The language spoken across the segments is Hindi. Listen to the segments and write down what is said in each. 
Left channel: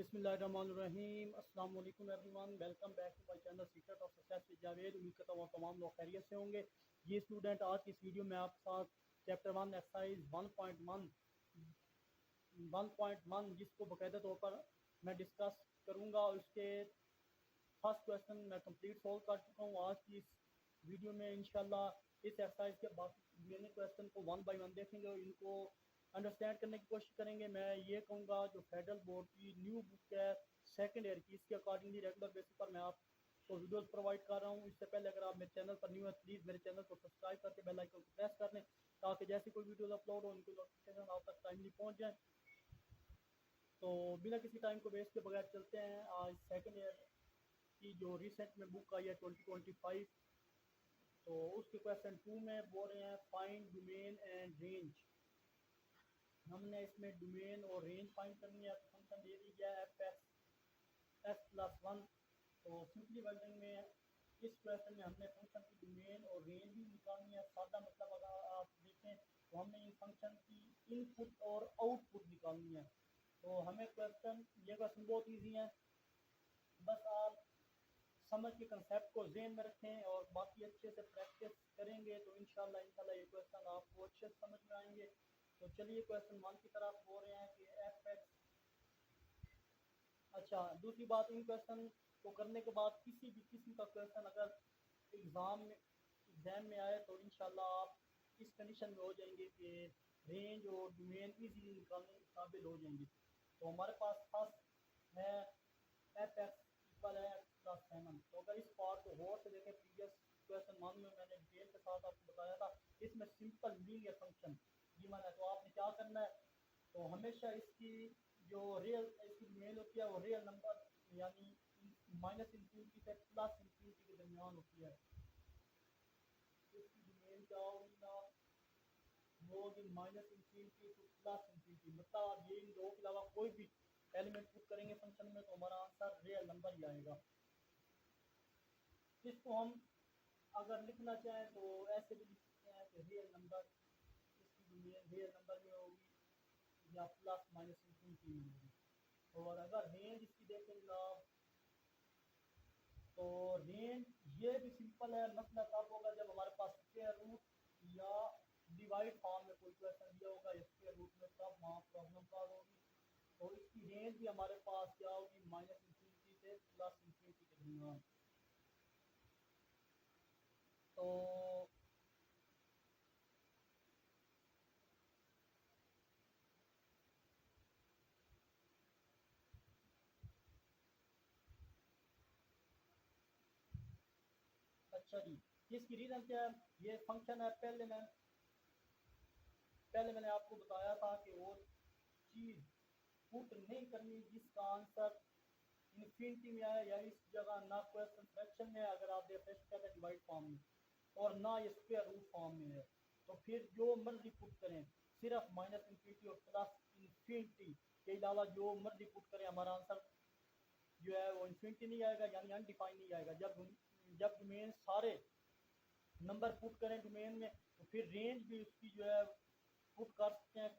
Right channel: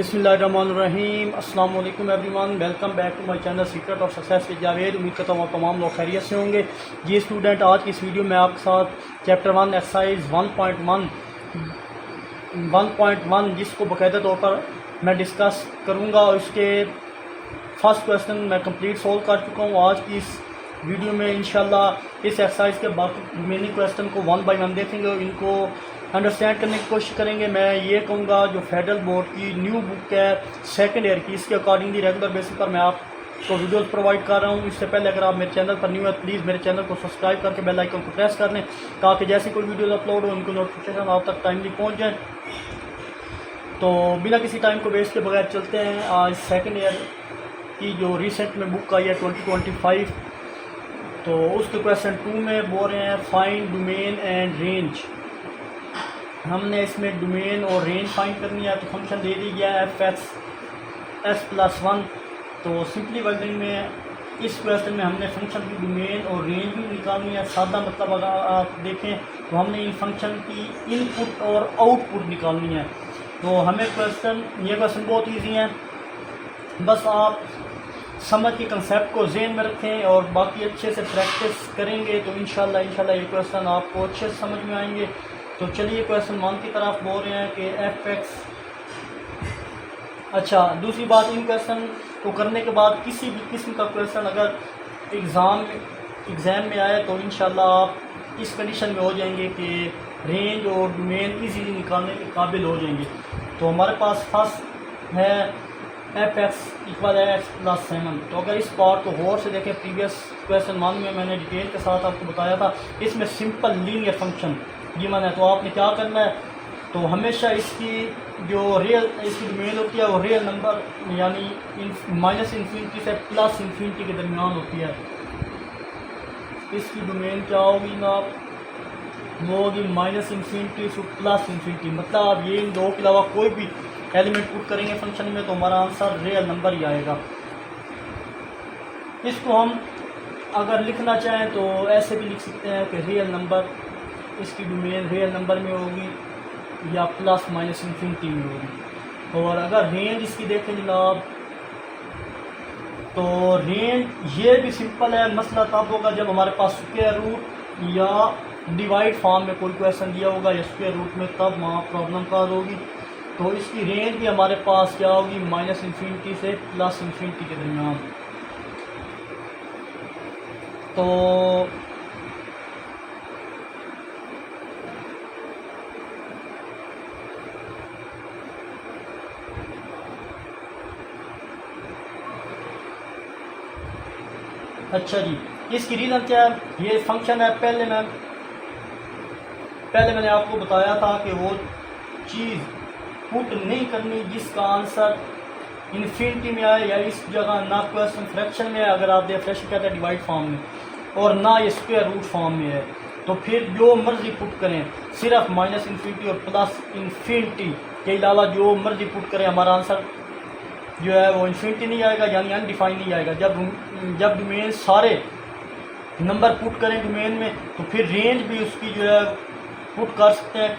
बिस्मिल्लाहिर्रहमानिर्रहीम। अस्सलाम वालेकुम everyone, welcome back to my channel secret of success with Javed. उम्मीद करता हूँ तमाम लोग खैरियत से होंगे। जी स्टूडेंट, आज की इस वीडियो में आपके साथ चैप्टर 1 एक्सरसाइज 1.1 जिसको बाकायदा तौर पर मैं डिस्कस करूँगा और इसके फर्स्ट क्वेश्चन मैं कंप्लीट सोल्व कर चुका हूँ। आज की इस वीडियो में इंशाल्लाह इस एक्सरसाइज के बाकी रिमेनिंग क्वेश्चन को 1 बाय 1 देखेंगे और इनको अंडरस्टैंड करने की कोशिश करेंगे। मैं ये कहूँगा जो फेडरल बोर्ड की न्यू बुक है सेकंड ईयर की, इसके अकॉर्डिंगली रेगुलर बेसिस पर मैं आपको वीडियोस प्रोवाइड कर रहा हूँ। इससे पहले अगर आप मेरे चैनल पर न्यू है प्लीज़ मेरे चैनल को सब्सक्राइब करके बेल आइकन को प्रेस कर लें ताकि जैसे कोई वीडियोस अपलोड हो उनको नोटिफिकेशन आप तक टाइमली पहुँच जाए। तो बिना किसी टाइम को वेस्ट के बगैर चलते हैं आज सेकेंड ईयर की जो रिसेंट में बुक आई है 2025। तो उसके क्वेश्चन 2 में बोल रहे हैं फाइंड डोमेन एंड रेंज। हमने इसमें डोमेन और रेंज फाइंड करनी है। तो फंक्शन दे दी गया है f(x)(1). तो सिंपली वर्डिंग में इस क्वेश्चन में हमने फंक्शन की डोमेन और रेंज भी निकालनी है। सादा मतलब अगर आप देखें तो हमने इन फंक्शन की इनपुट और आउटपुट निकालनी है। तो हमें ये क्वेश्चन बहुत ईजी है, बस आप समझ के कंसेप्ट को ज़हन में रखें और बाकी अच्छे से प्रैक्टिस करेंगे तो इंशाल्लाह ये क्वेश्चन आपको अच्छे से समझ में आएंगे। तो चलिए क्वेश्चन 1 की तरफ बोल रहे हैं कि f(x). अच्छा, दूसरी बात, इन क्वेश्चन को करने के बाद किसी भी किस्म का क्वेश्चन अगर एग्ज़ाम में आए तो इंशाल्लाह आप इस कंडीशन में हो जाएंगे कि रेंज और डोमेन इजीली निकालने के काबिल हो जाएंगे। तो हमारे पास फर्स्ट है f(x) = x+7। तो अगर इस पार्ट को गौर से देखें, प्रीवियस क्वेश्चन 1 में मैंने डिटेल के साथ आपको बताया था, इसमें सिंपल लीनियर फंक्शन गिवन है। तो आपने क्या करना है, तो हमेशा इसकी जो इसकी डोमेन होती है वो रियल नंबर यानी -∞ से +∞ के दरमियान होती है। इसकी डोमेन क्या होगी ना, वो होगी -∞ से +∞। मतलब आप ये इन दो के अलावा कोई भी एलिमेंट पुट करेंगे फंक्शन में तो हमारा आंसर रियल नंबर ही आएगा। इसको हम अगर लिखना चाहें तो ऐसे भी लिख सकते हैं कि रियल नंबर, इसकी डोमेन रियल नंबर में होगी या ±∞ में होगी। और अगर रेंज इसकी देखें जनाब, तो रेंज ये भी सिंपल है। मसला तब होगा जब हमारे पास स्क्वायर रूट या डिवाइड फॉर्म में कोई क्वेश्चन दिया होगा या स्क्वायर रूट में, तब वहाँ प्रॉब्लम का होगी। तो इसकी रेंज भी हमारे पास क्या होगी, -∞ से +∞ के दरमियान। तो अच्छा जी, इसकी रीज़न क्या है, ये फंक्शन है। पहले मैंने आपको बताया था कि वो चीज़ पुट नहीं करनी जिसका आंसर इन्फिनिटी में आए, या इस जगह ना क्वेश्चन फ्रैक्शन में है, अगर आप फ्रैक्शन कहते हैं डिवाइड फॉर्म में, और ना ये स्क्वायर रूट फॉर्म में है। तो फिर जो मर्जी पुट करें, सिर्फ -∞ और +∞ के अलावा जो मर्जी पुट करें, हमारा आंसर जो है वो इन्फिनिटी नहीं आएगा, यानी अनडिफाइन नहीं आएगा। जब डोमेन सारे नंबर पुट करें डोमेन में तो फिर रेंज भी उसकी जो है पुट कर सकते हैं।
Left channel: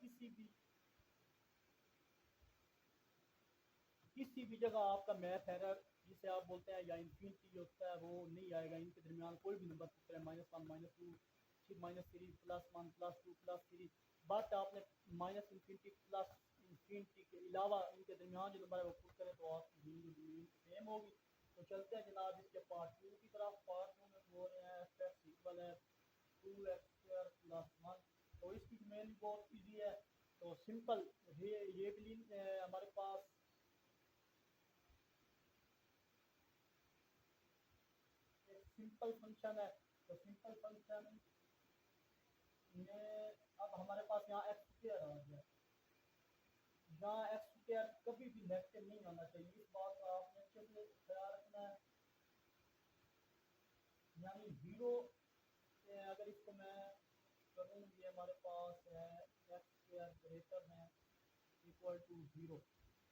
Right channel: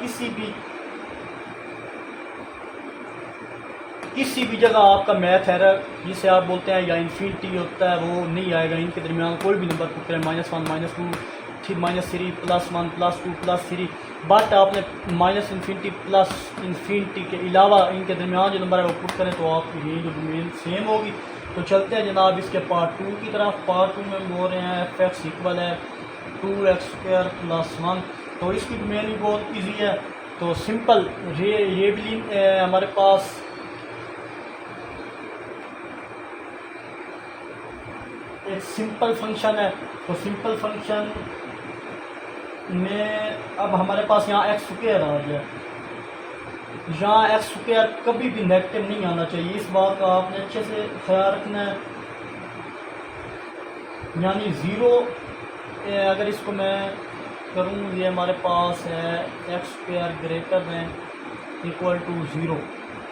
किसी भी जगह आपका मैथ एरर जिसे आप बोलते हैं या इन्फिनिटी होता है वो नहीं आएगा। इनके दरमियान कोई भी नंबर पुट करें, -1 -2 फिर -3 +1 +2 +3, बट आपने -∞ के अलावा इनके दरमियान जो नंबर है वो पुट करें तो आपकी रेंज और डोमेन सेम होगी। तो चलते हैं जनाब इसके पार्ट 2 की तरफ। पार्ट 2 में बोल रहे हैं f(x) = 2x² + 1। तो इसकी डोमेन भी बहुत ईजी है। तो सिंपल ये भी हमारे पास एक सिंपल फंक्शन है। तो सिंपल फंक्शन में अब हमारे पास यहाँ x² आ जाए। यहाँ x² कभी भी नेगेटिव नहीं आना चाहिए, इस बात का आपने अच्छे से ख्याल रखना है। यानी 0 अगर इसको मैं करूँ, ये हमारे पास है x² > 0,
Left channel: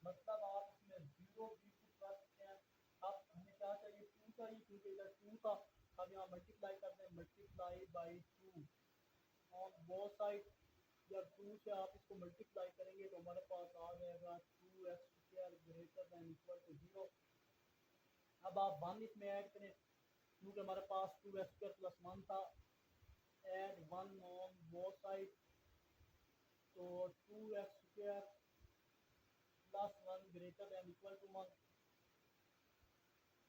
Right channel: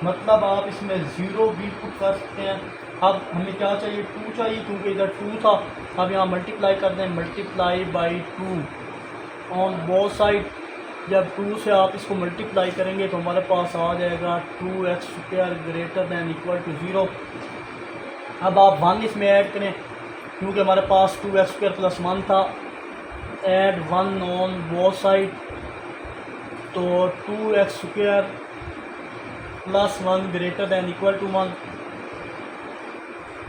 मतलब आप इसमें 0 भी पुट कर सकते हैं। अब हमें क्या चाहिए, 2 चाहिए, क्योंकि इधर 2 था। अब यहाँ मल्टीप्लाई कर दें, multiply by 2 on both side, जब 2 से आप इसको मल्टीप्लाई करेंगे तो हमारे पास आ जाएगा 2x² greater than equal to 0। अब आप 1 इसमें ऐड करें क्योंकि हमारे पास 2x² + 1 था। ऐड 1 ऑन बोथ साइड, तो 2x² + 1 greater than equal to 1।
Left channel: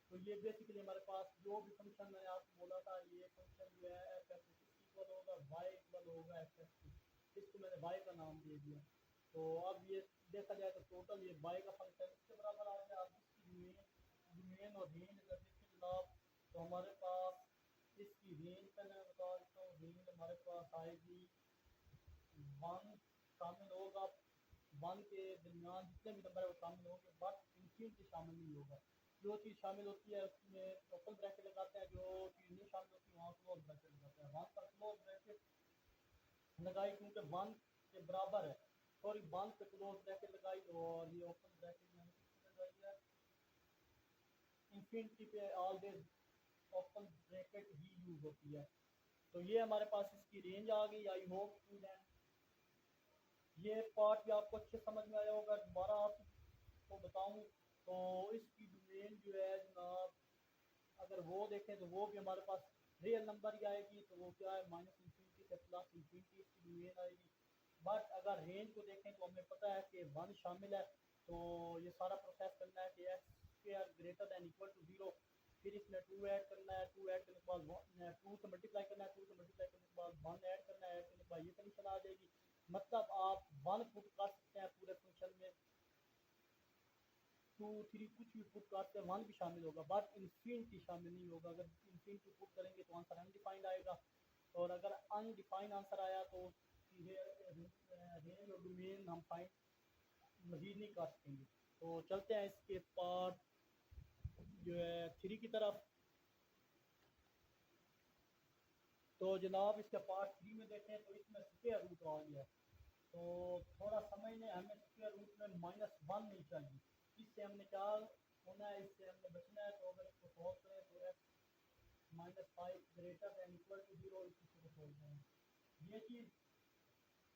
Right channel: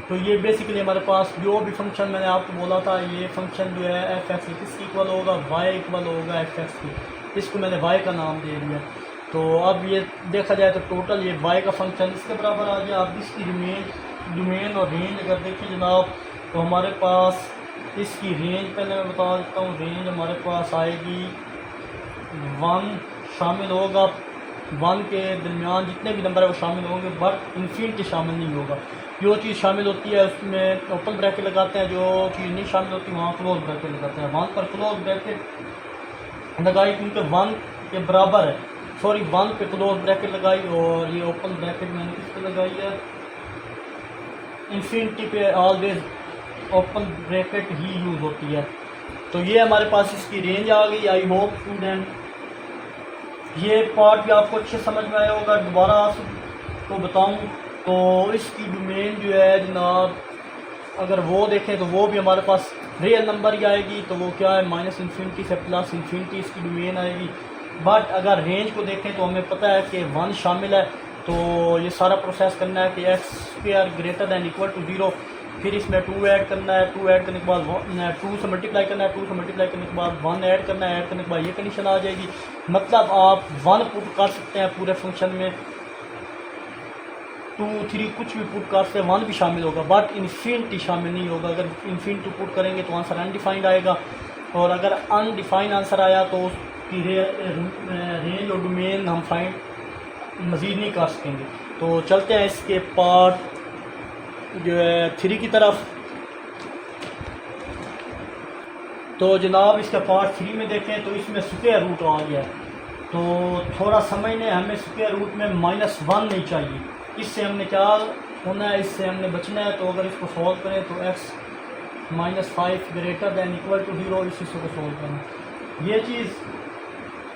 तो ये बेसिकली हमारे पास जो भी फंक्शन मैंने आपको बोला था, ये फंक्शन जो है एफ एक्स किसकी इक्वल होगा, वाई इक्वल होगा एफ एक्स की। इसको मैंने वाई का नाम दे दिया। तो अब ये देखा जाए तो टोटल ये वाई का फंक्शन इसके बराबर आ गया। अब इसकी डोमेन और रेंज अगर देखिए जनाब, तो हमारे पास इसकी रेंज पहले मैं बता देता हूँ। रेंज हमारे पास आएगी 1 शामिल होगा, 1 के दरमियान जितने भी नंबर है वो शामिल होंगे, बट इन्फिनिटी शामिल नहीं होगा। जो चीज़ शामिल होती है उसमें ओपन ब्रैकेट लगाते हैं, जो चीज़ नहीं शामिल होती वहाँ क्लोज ब्रैकेट लगाते हैं। 1 पर क्लोज ब्रैकेट लगाई क्योंकि 1 के बराबर है, 1 पे क्लोज ब्रैकेट लगाई, और ये ओपन ब्रैकेट मैंने किस पे लगाई है, इन्फिनिटी पे ऑलवेज ओपन ब्रैकेट ही यूज़ होती है। तो ये हमारे पास इसकी रेंज आ गई। आई होप स्टूडेंट ये पार्ट भी आपको अच्छे समझ में आया होगा। दोबारा तो बताऊं तो इसकी डोमेन जो है जनाब, अगर वो देखें तो वो भी हमारे पास रियल नंबर ही आएगी। तो वो क्या है, -∞ से +∞ इसकी डोमेन आएगी। बट अगर रेंज को देखें तो हमें पता है कि 1 शामिल है। तो ये सारा प्रोसेस करना है कि x² greater than equal to 0, फिर इसमें 2 ऐड करना है, 2 ऐड करने के बाद 2 से मल्टीप्लाई करना है, 2 से मल्टीप्लाई करने के बाद 1 ऐड करना है, ऐड करने के बाद ये कंडीशन आ जाएगी। मतलब आप 1 पुट कर सकते हैं पूरे फंक्शन में, 2, 3 कुछ भी पुट कर सकते हैं, 1 भी शामिल होगा, बट इन्फिनिटी शामिल नहीं होगा। अगर इन्फिनिटी पुट करेंगे तो आंसर अनडिफाइंड आएगा, और अगर अनडिफाइंड आंसर आया तो उसकी रेंज और डोमेन हम फाइंड मज़ीद नहीं कर सकेंगे। तो चलते हैं इसके पार्ट जो है 3 की तरफ। तो जनाब इसका पार्ट 3 में देखें तो इसमें स्क्वायर रूट आ गया है। तो थोड़ा समझने, हमें स्क्वायर रूट में -1 नहीं चाहिए। इससे हमने क्या होना है, इससे हमने बचना है। तो अगर इसको सॉल्व करें तो x -5 greater than equal to 0, इस हिस्से को सॉल्व करना ये चीज़।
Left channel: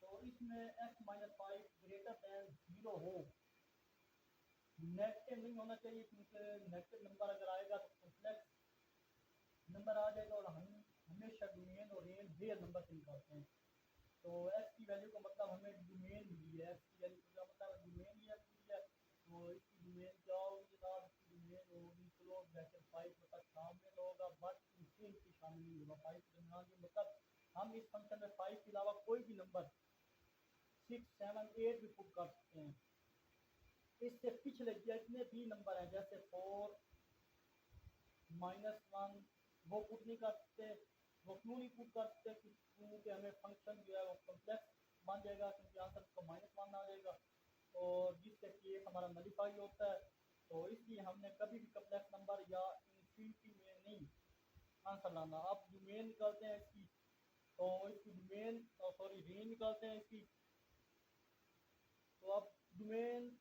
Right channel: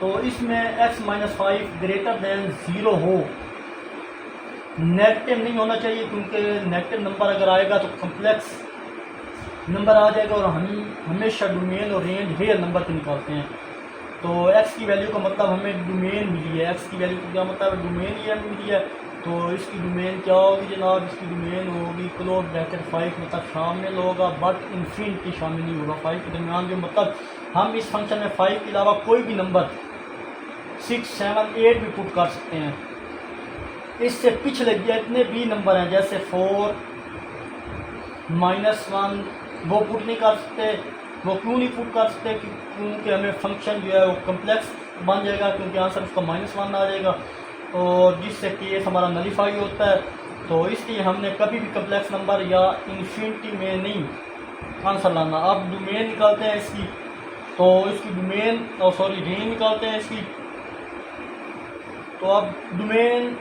तो इसमें x -5 ग्रेटर दैन 0 हो, नेगेटिव नहीं होना चाहिए, क्योंकि नेगेटिव नंबर अगर आएगा तो कम्प्लेक्स नंबर आ जाएगा, और हम हमेशा डोमेन और रेंज रियल नंबर को निकालते हैं। तो x की वैल्यू का मतलब हमें डोमेन मिली है, x की वैल्यू का क्या मतलब है, डोमेन ये मिली है। तो इसकी डोमेन क्या होगी जनाब, इसकी डोमेन होगी क्लोज ब्रैकेट 5, मतलब शामिल होगा बट इन्फिनिटी शामिल नहीं होगा 5 के दरमियान। जो मतलब हम इस फंक्शन में 5 के अलावा कोई भी नंबर 6, 7, 8 भी पुट कर सकते हैं। इससे पिछले जितने भी नंबर हैं जैसे 4, -1 वो पुट नहीं कर सकते। वो क्यों नहीं पुट कर सकते, क्योंकि हमें फंक्शन जो है वो कम्प्लेक्स बन जाएगा, क्योंकि आंसर उसका -1 आ जाएगा, और जिससे केस हमारा नलीफाई होता है। तो इसलिए हमने कभी भी कम्प्लेक्स नंबर या इन्फिनिटी में नहीं आंसर लाना। अब डोमेन निकालते हैं इसकी, तो इसकी डोमेन रेंज निकालते हैं इसकी। तो अब डोमेन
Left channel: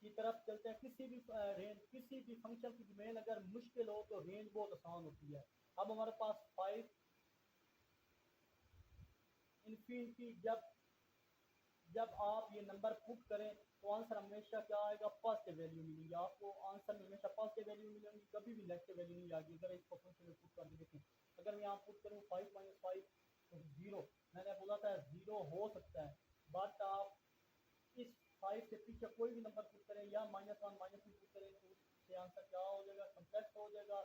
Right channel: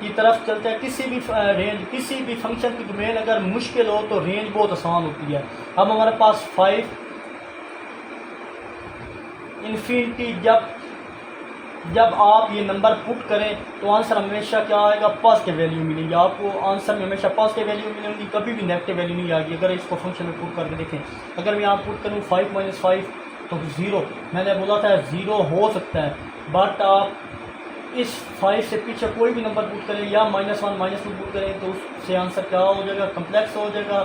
की तरफ चलते हैं। किसी भी फंक्शन की डोमेन अगर मुश्किल हो तो रेंज बहुत आसान होती है। अब हमारे पास 5 इन्फिनिटी, जब आप ये नंबर पुट करें तो आंसर हमेशा क्या आएगा, पॉजिटिव वैल्यू मिलेगी आपको। आंसर में हमेशा पॉजिटिव वैल्यू मिलेगी, कभी भी नेगेटिव वैल्यू नहीं आएगी। अगर इसको फंक्शन में पुट करके देखें, अगर मैं यहाँ पुट करूँ 5 - 5 तो 0, मैंने बोला था 0 हो सकता है, बट आप इस 5 से पीछे कोई भी नंबर पुट करें या -1 -2 पुट करें तो उससे आंसर क्या हो जाएगा, कम्प्लेक्स हो जाएगा।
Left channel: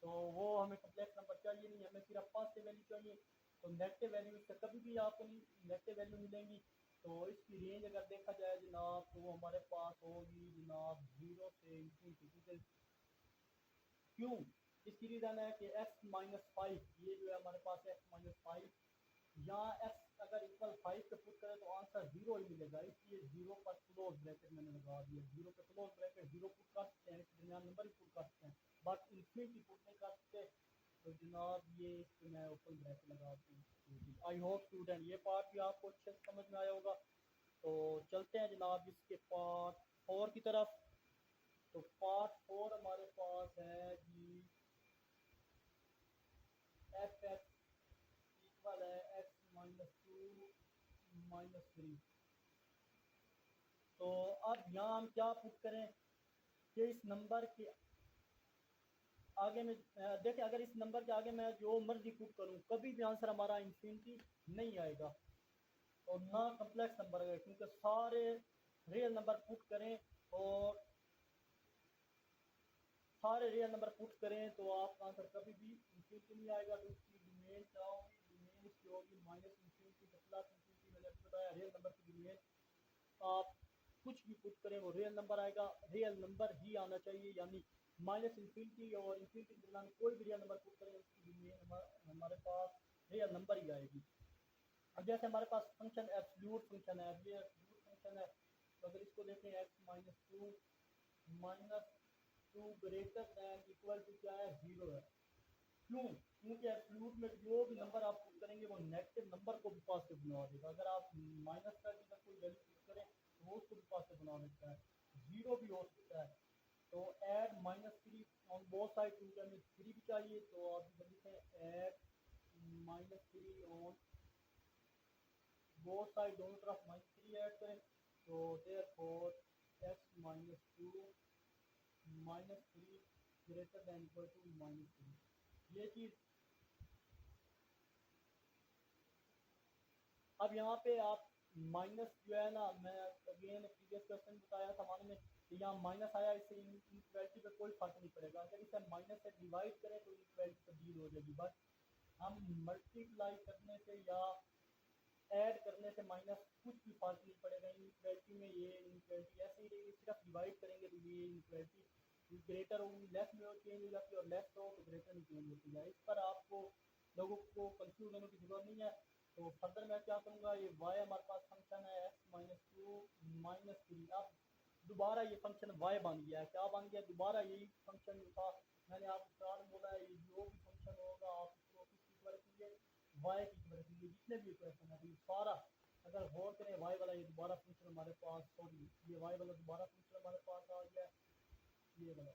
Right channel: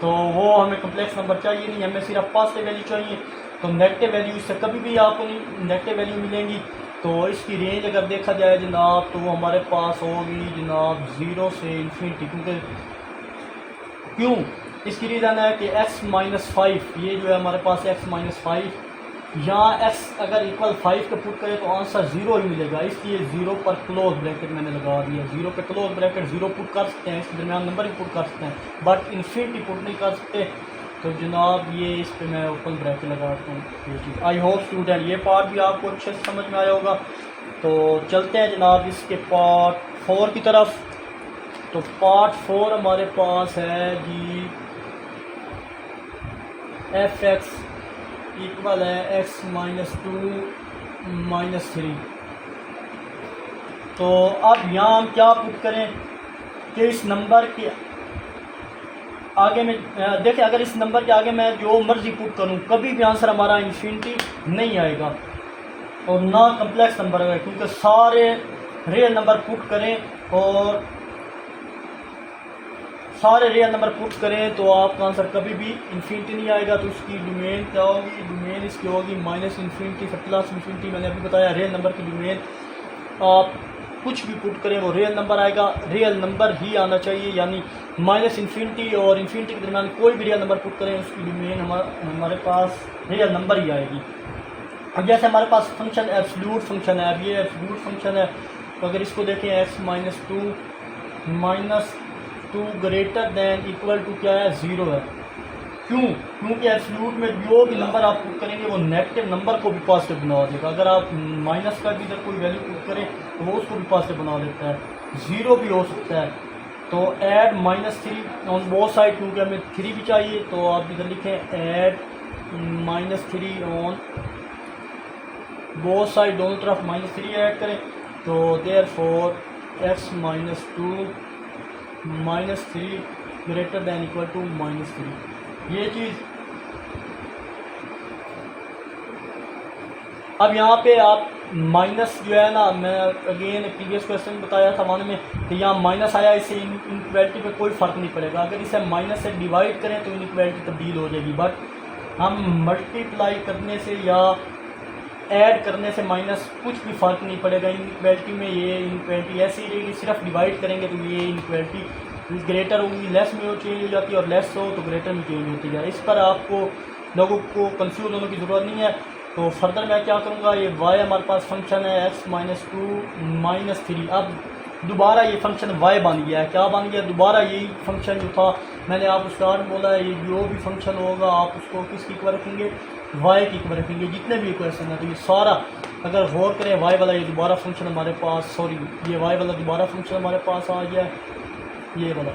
तो वो हमें कम्प्लेक्स नंबर चाहिए नहीं, हमें सिर्फ पॉजिटिव वैल्यू चाहिए। तो नेगेटिव वैल्यू इससे कभी भी आपको नहीं नेगेटिव वैल्यू मिलेंगी। तो इसकी रेंज अगर देखा जाए जनाब तो वो हमारे पास होगी जनाब 0 से इन्फिनिटी। क्यों इसकी रीज़न है कि x -5 ये जो है हमारे पास x -5, यहाँ x अगर इक्वल 5 के पुट करें तो आंसर 0 ही मिलेगा। इसलिए 0 पर क्लोज ब्रैकेट मैंने लगा दिया। 0 पे क्लोज ब्रैकेट 0 पुट कर सकते हैं, इसके दरमियान नंबर ही पुट कर सकते हैं, बट इन्फिनिटी पुट नहीं कर सकते। तो जनाब ये इस पे मैं ओपन ब्रैकेट लगाता हूँ ये चीज़। आई होप स्टूडेंट ये पार्ट भी आपको अच्छे से समझ में आया होगा। तो चलते हैं जनाब इसके पार्ट 4 की तरफ। तो पार्ट 4 हमारे पास है जी f(x) इक्वल है x माइनस 2 माइनस 3। तो अब यहाँ हम क्या पुट करें कि इस नंबर के आगे में देखिए, अगर इस नंबर के आगे मैं जो मर्जी पुट करूँ कभी भी आंसर हमारा इन्फिनिटी नहीं आएगा और ना कम्प्लेक्स नंबर आएगा, क्योंकि सारे रियल नंबर पुट करें और सारे रियल नंबर पुट करें तो आपका आंसर कभी भी इन्फिनिटी नहीं आएगा। तो इसकी डोमेन क्या होगी, डोमेन इसकी होगी माइनस इन्फिनिटी से प्लस इन्फिनिटी। मैंने अभी बताया रियल नंबर की डोमेन आप कुछ भी पुट करें वो रियल नंबर आएगा, रियल नंबर ही आना चाहिए, यानी माइनस इन्फिनिटी और इन्फिनिटी के दरमियान कोई भी रियल नंबर पुट करें उसकी डोमेन हमारे पास रियल नंबर ही आएगी। अब जैसे हमारे पास फंक्शन एब्सोल्यूट फंक्शन है, अब ये एब्सोल्यूट फंक्शन है, तो अगर इसको देखें x minus two greater than equal to क्या है, 0 है। क्यों? क्योंकि एब्सोल्यूट में जो भी नंबर आप पुट करेंगे वो नेगेटिव नंबर को भी पॉजिटिव बना देगा। अगर आप माइनस का भी इधर कोई वैल्यू पुट करें तो वो उसको भी पॉजिटिव बना देता है, 0 भी हो सकता है। तो ऐड -3 ऑन बोथ साइड, क्योंकि हमें 3 भी चाहिए, तो आप इधर लिखें ऐड -3 ऑन बोथ साइड, दोनों तरफ -3 ऐड करें। तो therefore x minus 2 minus 3 greater than equal to -3। ये चीज़ अब यहाँ पे आप माइनस जो है ना, मैं अगेन प्रीवियस क्वेश्चन बताया था वन में कि यहाँ माइनस आया, इससे इनइक्वालिटी पे कोई फ़र्क नहीं पड़ेगा। अगर इसे माइनस से डिवाइड करें तो इनइक्वालिटी तब्दील हो जाएगी, बट हम मल्टीप्लाई करने से या ऐड करने से माइनस कुछ भी फ़र्क नहीं पड़ेगा इनइक्वालिटी में। ये इनइक्वालिटी ऐसी ही रहेगी, सिर्फ डिवाइड करेंगे तो ये इनइक्वालिटी ग्रेटर होगी, लेस में वो चेंज हो जाती है, और लेस हो तो ग्रेटर में चेंज होती है। इस पर आपको लोगों को कंफ्यूज होने की ज़रूरत नहीं है। तो फर्दर मैं क्या करूँगा, ये y हमारे पास फंक्शन है x माइनस 2 माइनस 3। अब दोबारा ये फंक्शन y बन गया है। क्या बन गया, दोबारा यही फंक्शन जो था मैंने आपको स्टार्ट बोला है, ये जो भी फंक्शन होगा आप उसको किसकी इक्वल रखेंगे, y की इक्वल रखेंगे, जितने भी इक्वेशन है। तो ये सारा अगर गौर करें y वाला ये दोबारा फंक्शन हमारे पास, सॉरी ये y वाला दोबारा फंक्शन हमारे पास आ गया है, ये वाला।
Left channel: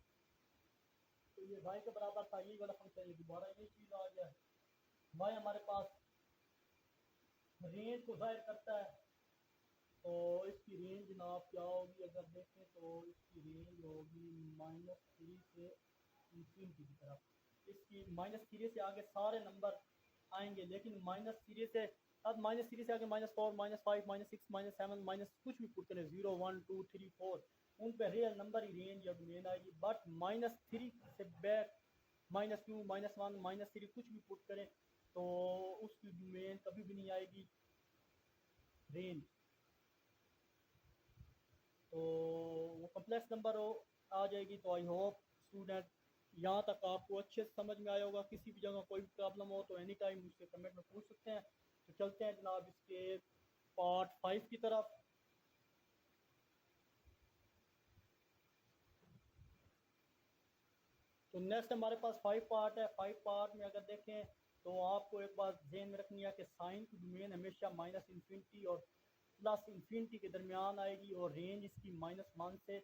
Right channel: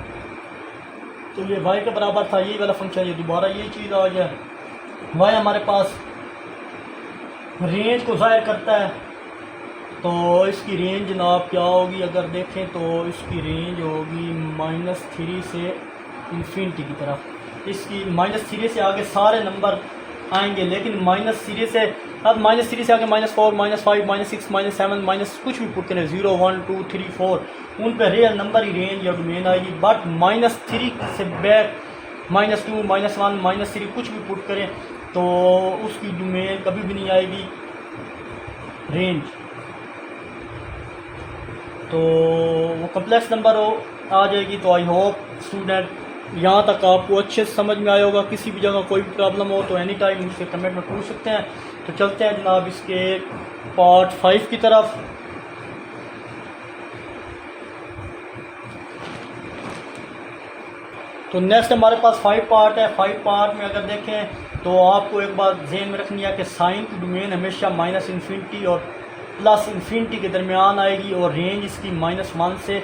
तो ये y के बराबर था ये वाला फंक्शन, ये दोबारा ये चीज़ आ गया। y हमारे पास रेंज को ज़ाहिर करता है, तो इसकी रेंज जनाब क्या होगी, अगर देखें तो इसकी रेंज होगी -3 से इन्फिनिटी की तरफ। इसकी -3 से आगे सारे नंबर आएंगे, लेकिन -3 से अब -3 से आगे -4 -5 -6 -7 माइनस कुछ भी पुट करें, 0 1 2 3 4 उन पर रियल नंबर ही रेंज या डोमेन आएगी। बट -3 से बैक -2 -1 -3 कुछ भी पुट करें तो उसकी डोमेन कभी भी नहीं आएगी रेंज। तो वो कम्प्लेक्स नंबर आ जाएगी। तो आई होप स्टूडेंट यहाँ तक आपको अच्छे से समझ में आया होगा। किसी भी जगह कोई भी प्रॉब्लम हो तो एनी टाइम मुझसे कमेंट में पूछ सकते हैं। तो चलते हैं जनाब इसके पार्ट 5 की तरफ। तो नेक्स्ट हमारे पास 5 पार्ट है। 5 पार्ट में अगर देखें तो आपको एक बात ध्यान में रखनी है कि साइन की डोमेन हमेशा -इन्फिनिटी और +इन्फिनिटी के दरमियान आएगी, और रेंज इसकी -1 से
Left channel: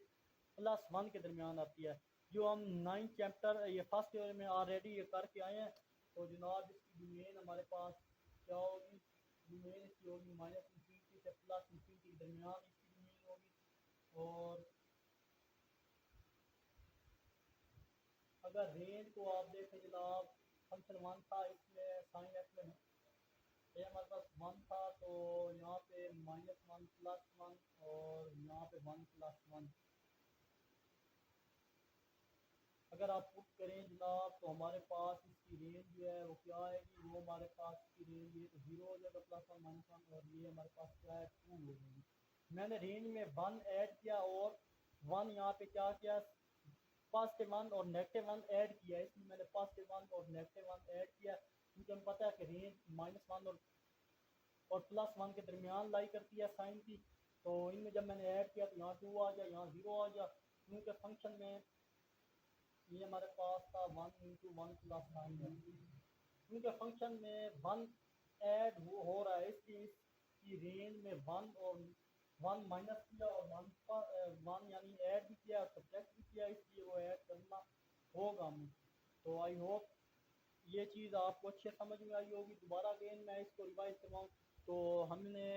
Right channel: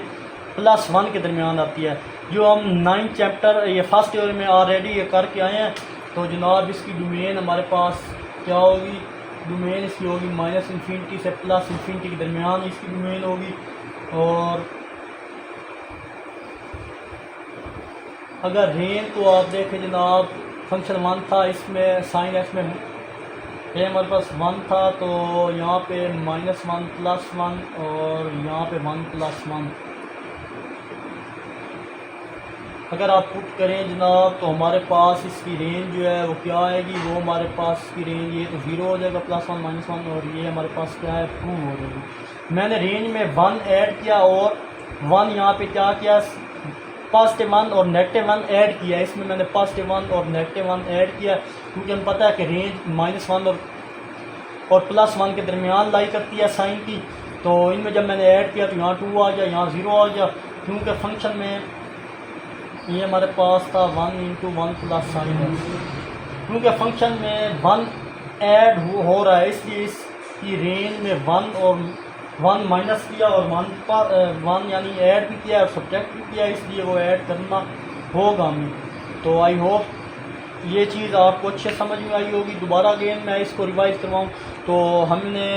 +1 के दरमियान आती है। जो हम 9th चैप्टर ये फर्स्ट ईयर में ऑलरेडी ये करके आए हैं। तो जनाब इसकी डोमेन हमारे पास क्या होगी, डोमेन इसकी होगी -इन्फिनिटी से +इन्फिनिटी के दरमियान इसकी डोमेन होगी। और अगर रेंज को आप देखें जनाब, फंक्शन 1 था, इसमें साइन एक्स में ये हमारे पास 1 था, तो यहाँ पे -1 +1 और यहाँ पे 1 +1 अगर आप पुट करें जनाब तो हमारे पास इसकी रेंज जो है वो क्या आएगी, वो हमारे पास इसकी रेंज ये तो 0 हो जाएगा, +1 -1, और ये हमारे पास क्या है 2 हो जाएगी। मैंने रेंज में 1 ऐड किया और 1 यहाँ पे क्या किया, +1 और -1 ऐड किया। इसमें मैंने +1 और -1 ऐड किया, क्योंकि हमें पता है कि रेंज -1 और +1 के दरमियान लाई करती है साइन की। तो इनमें जब मैंने ऐड किया तो यहाँ 2 आ गया, यहाँ 0 आ गया, क्योंकि फंक्शन में ये हमारे पास था 1 × 1 + साइन है। क्योंकि फंक्शन में 1 ऐड हो रहा है, इसलिए इसकी रेंज में 1 और 1 माइनस किया और 1 यानी ऐड भी किया और सब्ट्रैक्ट भी किया, इसलिए वो ऐड करना होगा हमें। तो आई होप ये चीज़ आपको अच्छे समझ में आई होगी। दोबारा अगेन मैं इसको रिवाइज करवाऊँ तो हमने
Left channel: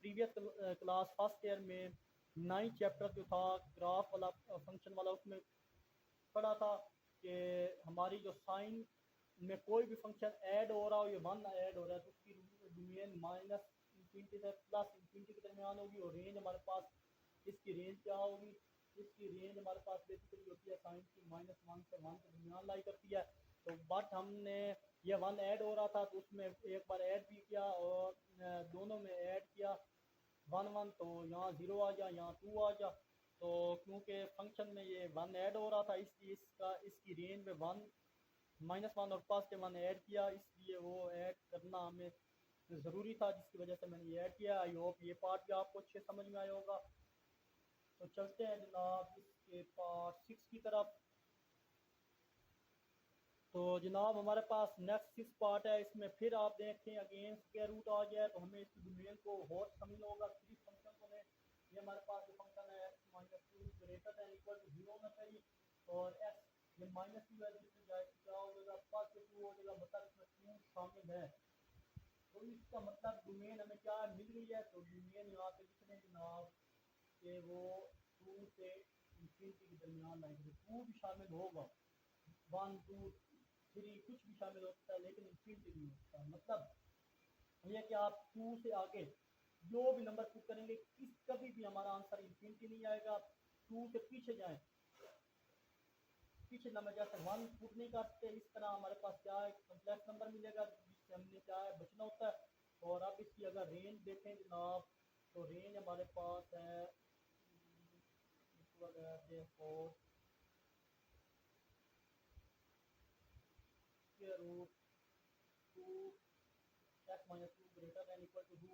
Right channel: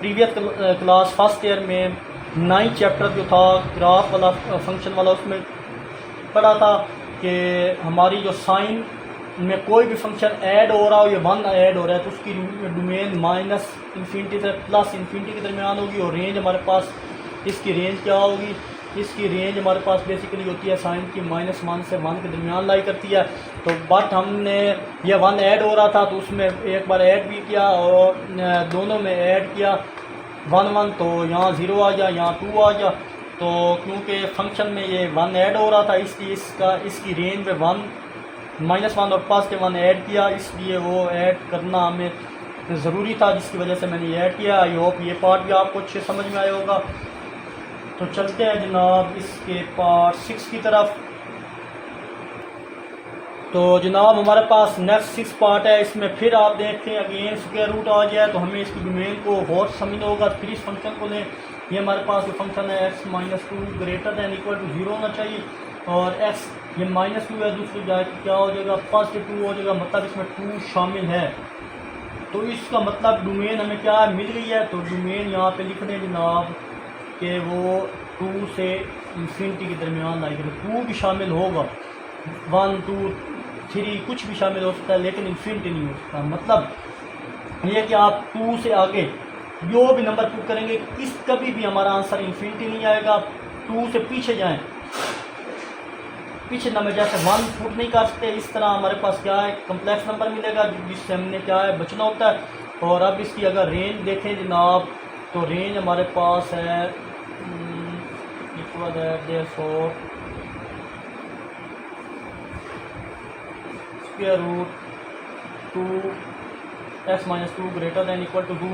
प्रीवियस क्लास फर्स्ट ईयर में 9 चैप्टर जो था ग्राफ वाला फंक्शन वाला, उसमें पढ़ा था कि हमारी जो साइन में कोई भी फंक्शन ऐड हो रहा हो या 1 ऐड हो रहा है तो उसकी डोमेन माइनस इन्फिनिटी से प्लस इन्फिनिटी के दरमियान होगी। और रेंज हमारे पास, इसकी रेंज क्या होगी, इसकी रेंज हमारे पास बेसिकली होती है साइन की -1 से 1 के दरमियान लाई करती है। तो बट हमने ये 1 ऐड हो रहा था तो उसमें एक बार ऐड भी किया और दोनों में ऐड किया 1 1, तो यहाँ 0 आ गया, यहाँ 2 आ गया। तो क्योंकि फंक्शन में ये 1 ऐड हो रहा था इसलिए इसकी रेंज में 1 -1 और प्लस के 1 ऐड किया, इसलिए वो ऐड करना हमें ज़रूरी था, जिसकी वजह से मैंने ये ऐड किया। आई होप ये पार्ट भी आपको अच्छे समझ में आया होगा। तो चलते हैं जनाब इसके पार्ट 6 की तरफ। तो जनाब हमारे पास नेक्स्ट 6 पार्ट है। इसमें फिर आप देखते हैं अगेन स्क्वायर रूट आ गया है, तो हमें इसकी डोमेन को और समझना होगा। फिर इस फंक्शन को लें, ये हमारे पास जो फंक्शन है x -2 greater than equal to 0 होना चाहिए, और x ये -2 है, दूसरी जगह क्या हो जाएगा +2 हो जाएगा, मतलब इसमें 2 शामिल है। तो इसका मतलब डोमेन हमें क्या मिल गई है। तो डोमेन यहाँ पे लिख दें जनाब कि वो 2 से इन्फिनिटी के दरमियान आएगी। 2 भी शामिल होगा, 1 2 3 कुछ भी शामिल हो सकता है, लेकिन इन्फिनिटी नहीं हो सकता। मतलब ये कि आप 2 से आगे जो भी नंबर पुट करेंगे इस कभी भी हमारा आंसर इन्फिनिटी नहीं आएगा। 2 से पीछे जाएं, पीछे नंबर जैसे 1 पुट नहीं कर सकते, इस तरह हमारे पास क्या है कम्प्लेक्स नंबर मिलेगा जिससे हमने क्या है बचना होता है। और अब इसकी अगर रेंज देखें जनाब, तो रेंज हमारे पास है इक्वल है therefore square root 2x-2 greater than equal to 2।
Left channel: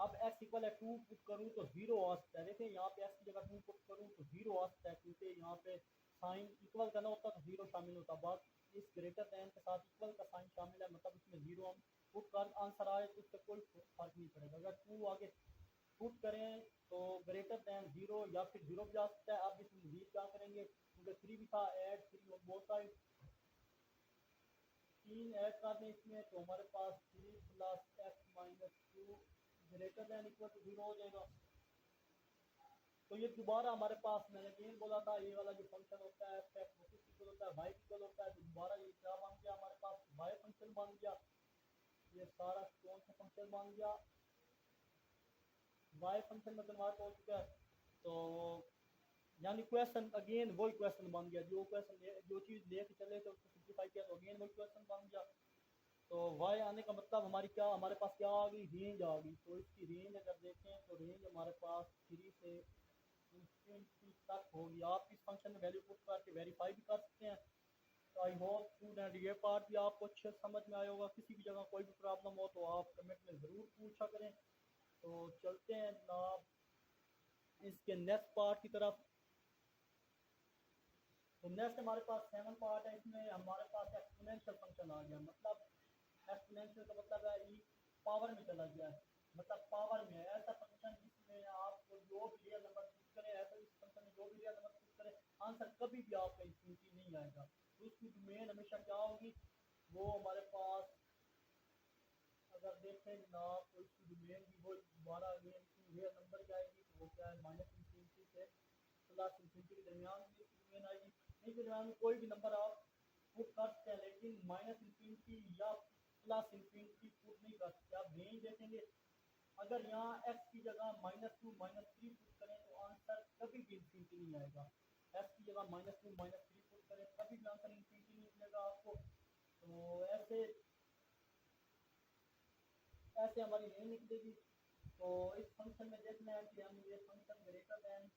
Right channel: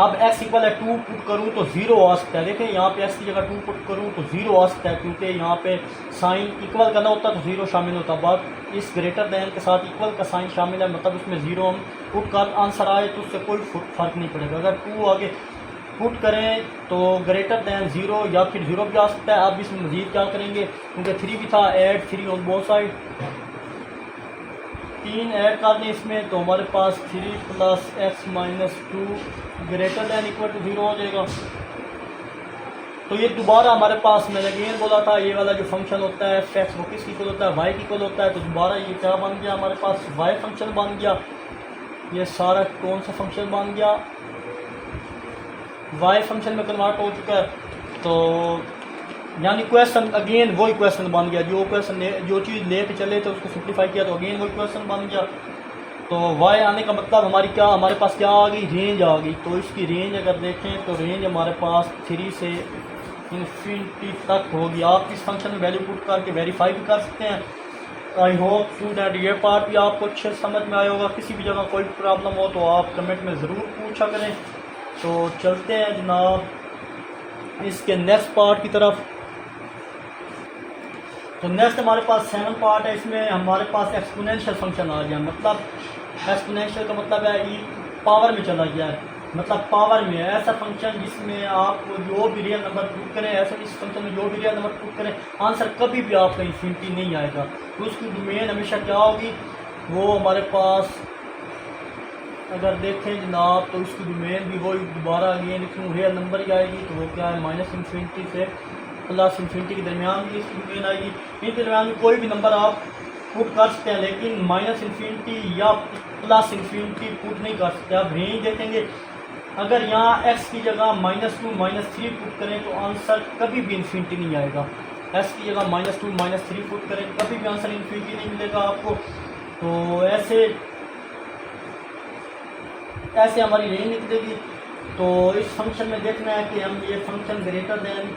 अब x इक्वल है 2 पुट करूँ तो 0 आ सकता है। देखें यहाँ पे x की जगह 2 पुट करूँ तो 0 आ सकता है, क्योंकि यहाँ पे साइन इक्वल करना होता तो 0 शामिल होता। बात इस ग्रेटर दैन के साथ इक्वल का साइन शामिल है, मतलब उसमें 0 हम पुट कर आंसर आए तो उससे कोई फ़र्क नहीं पड़ेगा। अगर 2 आगे पुट करें तो ग्रेटर दैन 0 या फिर 0 भी आ सकता है। अब इसमें मज़ीद क्या करेंगे, क्योंकि 3 भी था, add 3 on both side, 3 add कर दें इसमें, तो हमारे पास 3 + x-2 greater than equal to 0 हो जाएगा। तो ये दोबारा हमारे पास, मैंने अगेन बोला था ये वाला जो फंक्शन होता है f(x) वो किसकी इक्वल होता है, y की इक्वल होता है। तो दोबारा ये क्या बन गया, हमारे पास y फंक्शन बन गया। ये सारा कौन सा फंक्शन बन गया, y फंक्शन में कन्वर्ट हो चुका है। तो यानी क्वेश्चन अगेन वही क्वेश्चन बन गया, जो चीज़ लेके चले थे उसको सिंप्लीफाई किया तो अगेन वही क्वेश्चन बन गया। तो y आने का मतलब हमारे पास क्या आ गई, रेंज आ गई। तो इसकी रेंज अगर देखें तो रेंज हमारे पास 3 से इन्फिनिटी तक होगी। आप इस फंक्शन में वैल्यू पुट करके वेरीफाई भी कर सकते हैं। आई होप स्टूडेंट ये पार्ट भी आपको अच्छे समझ में आया होगा। किसी भी जगह कोई प्रॉब्लम हो तो आप कमेंट में ज़रूर पूछा करें। तो चलते हैं जनाब इसके नेक्स्ट पार्ट की तरफ। तो नेक्स्ट हमारे पास 7 पार्ट है। इसमें हमारे पास एक्सपोनेंशियल फंक्शन आ गया। मतलब एक्सपोनेंशियल का मतलब है ई पावर में चला गया है, मतलब पावर में है। ऐसा फंक्शन जिसमें आप जो भी रियल नंबर पुट करें, ऐसा इस फंक्शन में जो भी रियल नंबर पुट करें आंसर कभी भी आपका इन्फिनिटी नहीं आएगा। तो उसकी डोमेन हमेशा क्या होगी, वो हमारे पास अगर देखें जनाब तो उसकी डोमेन भी वही दोबारा अगेन लिखूँ रियल नंबर ही आएगी। तो वो क्या है -इन्फिनिटी से +इन्फिनिटी के दरमियान भी इसकी डोमेन आएगी। इनके दरमियान में कोई भी नंबर आप पुट कर सकते हैं, लेकिन -इन्फिनिटी या +इन्फिनिटी पुट नहीं कर सकते। आप रेंज देखेंगे, अगर यहाँ x की जगह -2 -3 पुट करें तो आंसर कभी भी इन्फिनिटी नहीं आएगा। x की जगह -2 -3 पुट करें कभी भी आंसर इन्फिनिटी नहीं मिलेगा आपको। तो ऐसे हमारी रेंज निकलेगी। तो इस फंक्शन में देखना है कि हम ये function greater than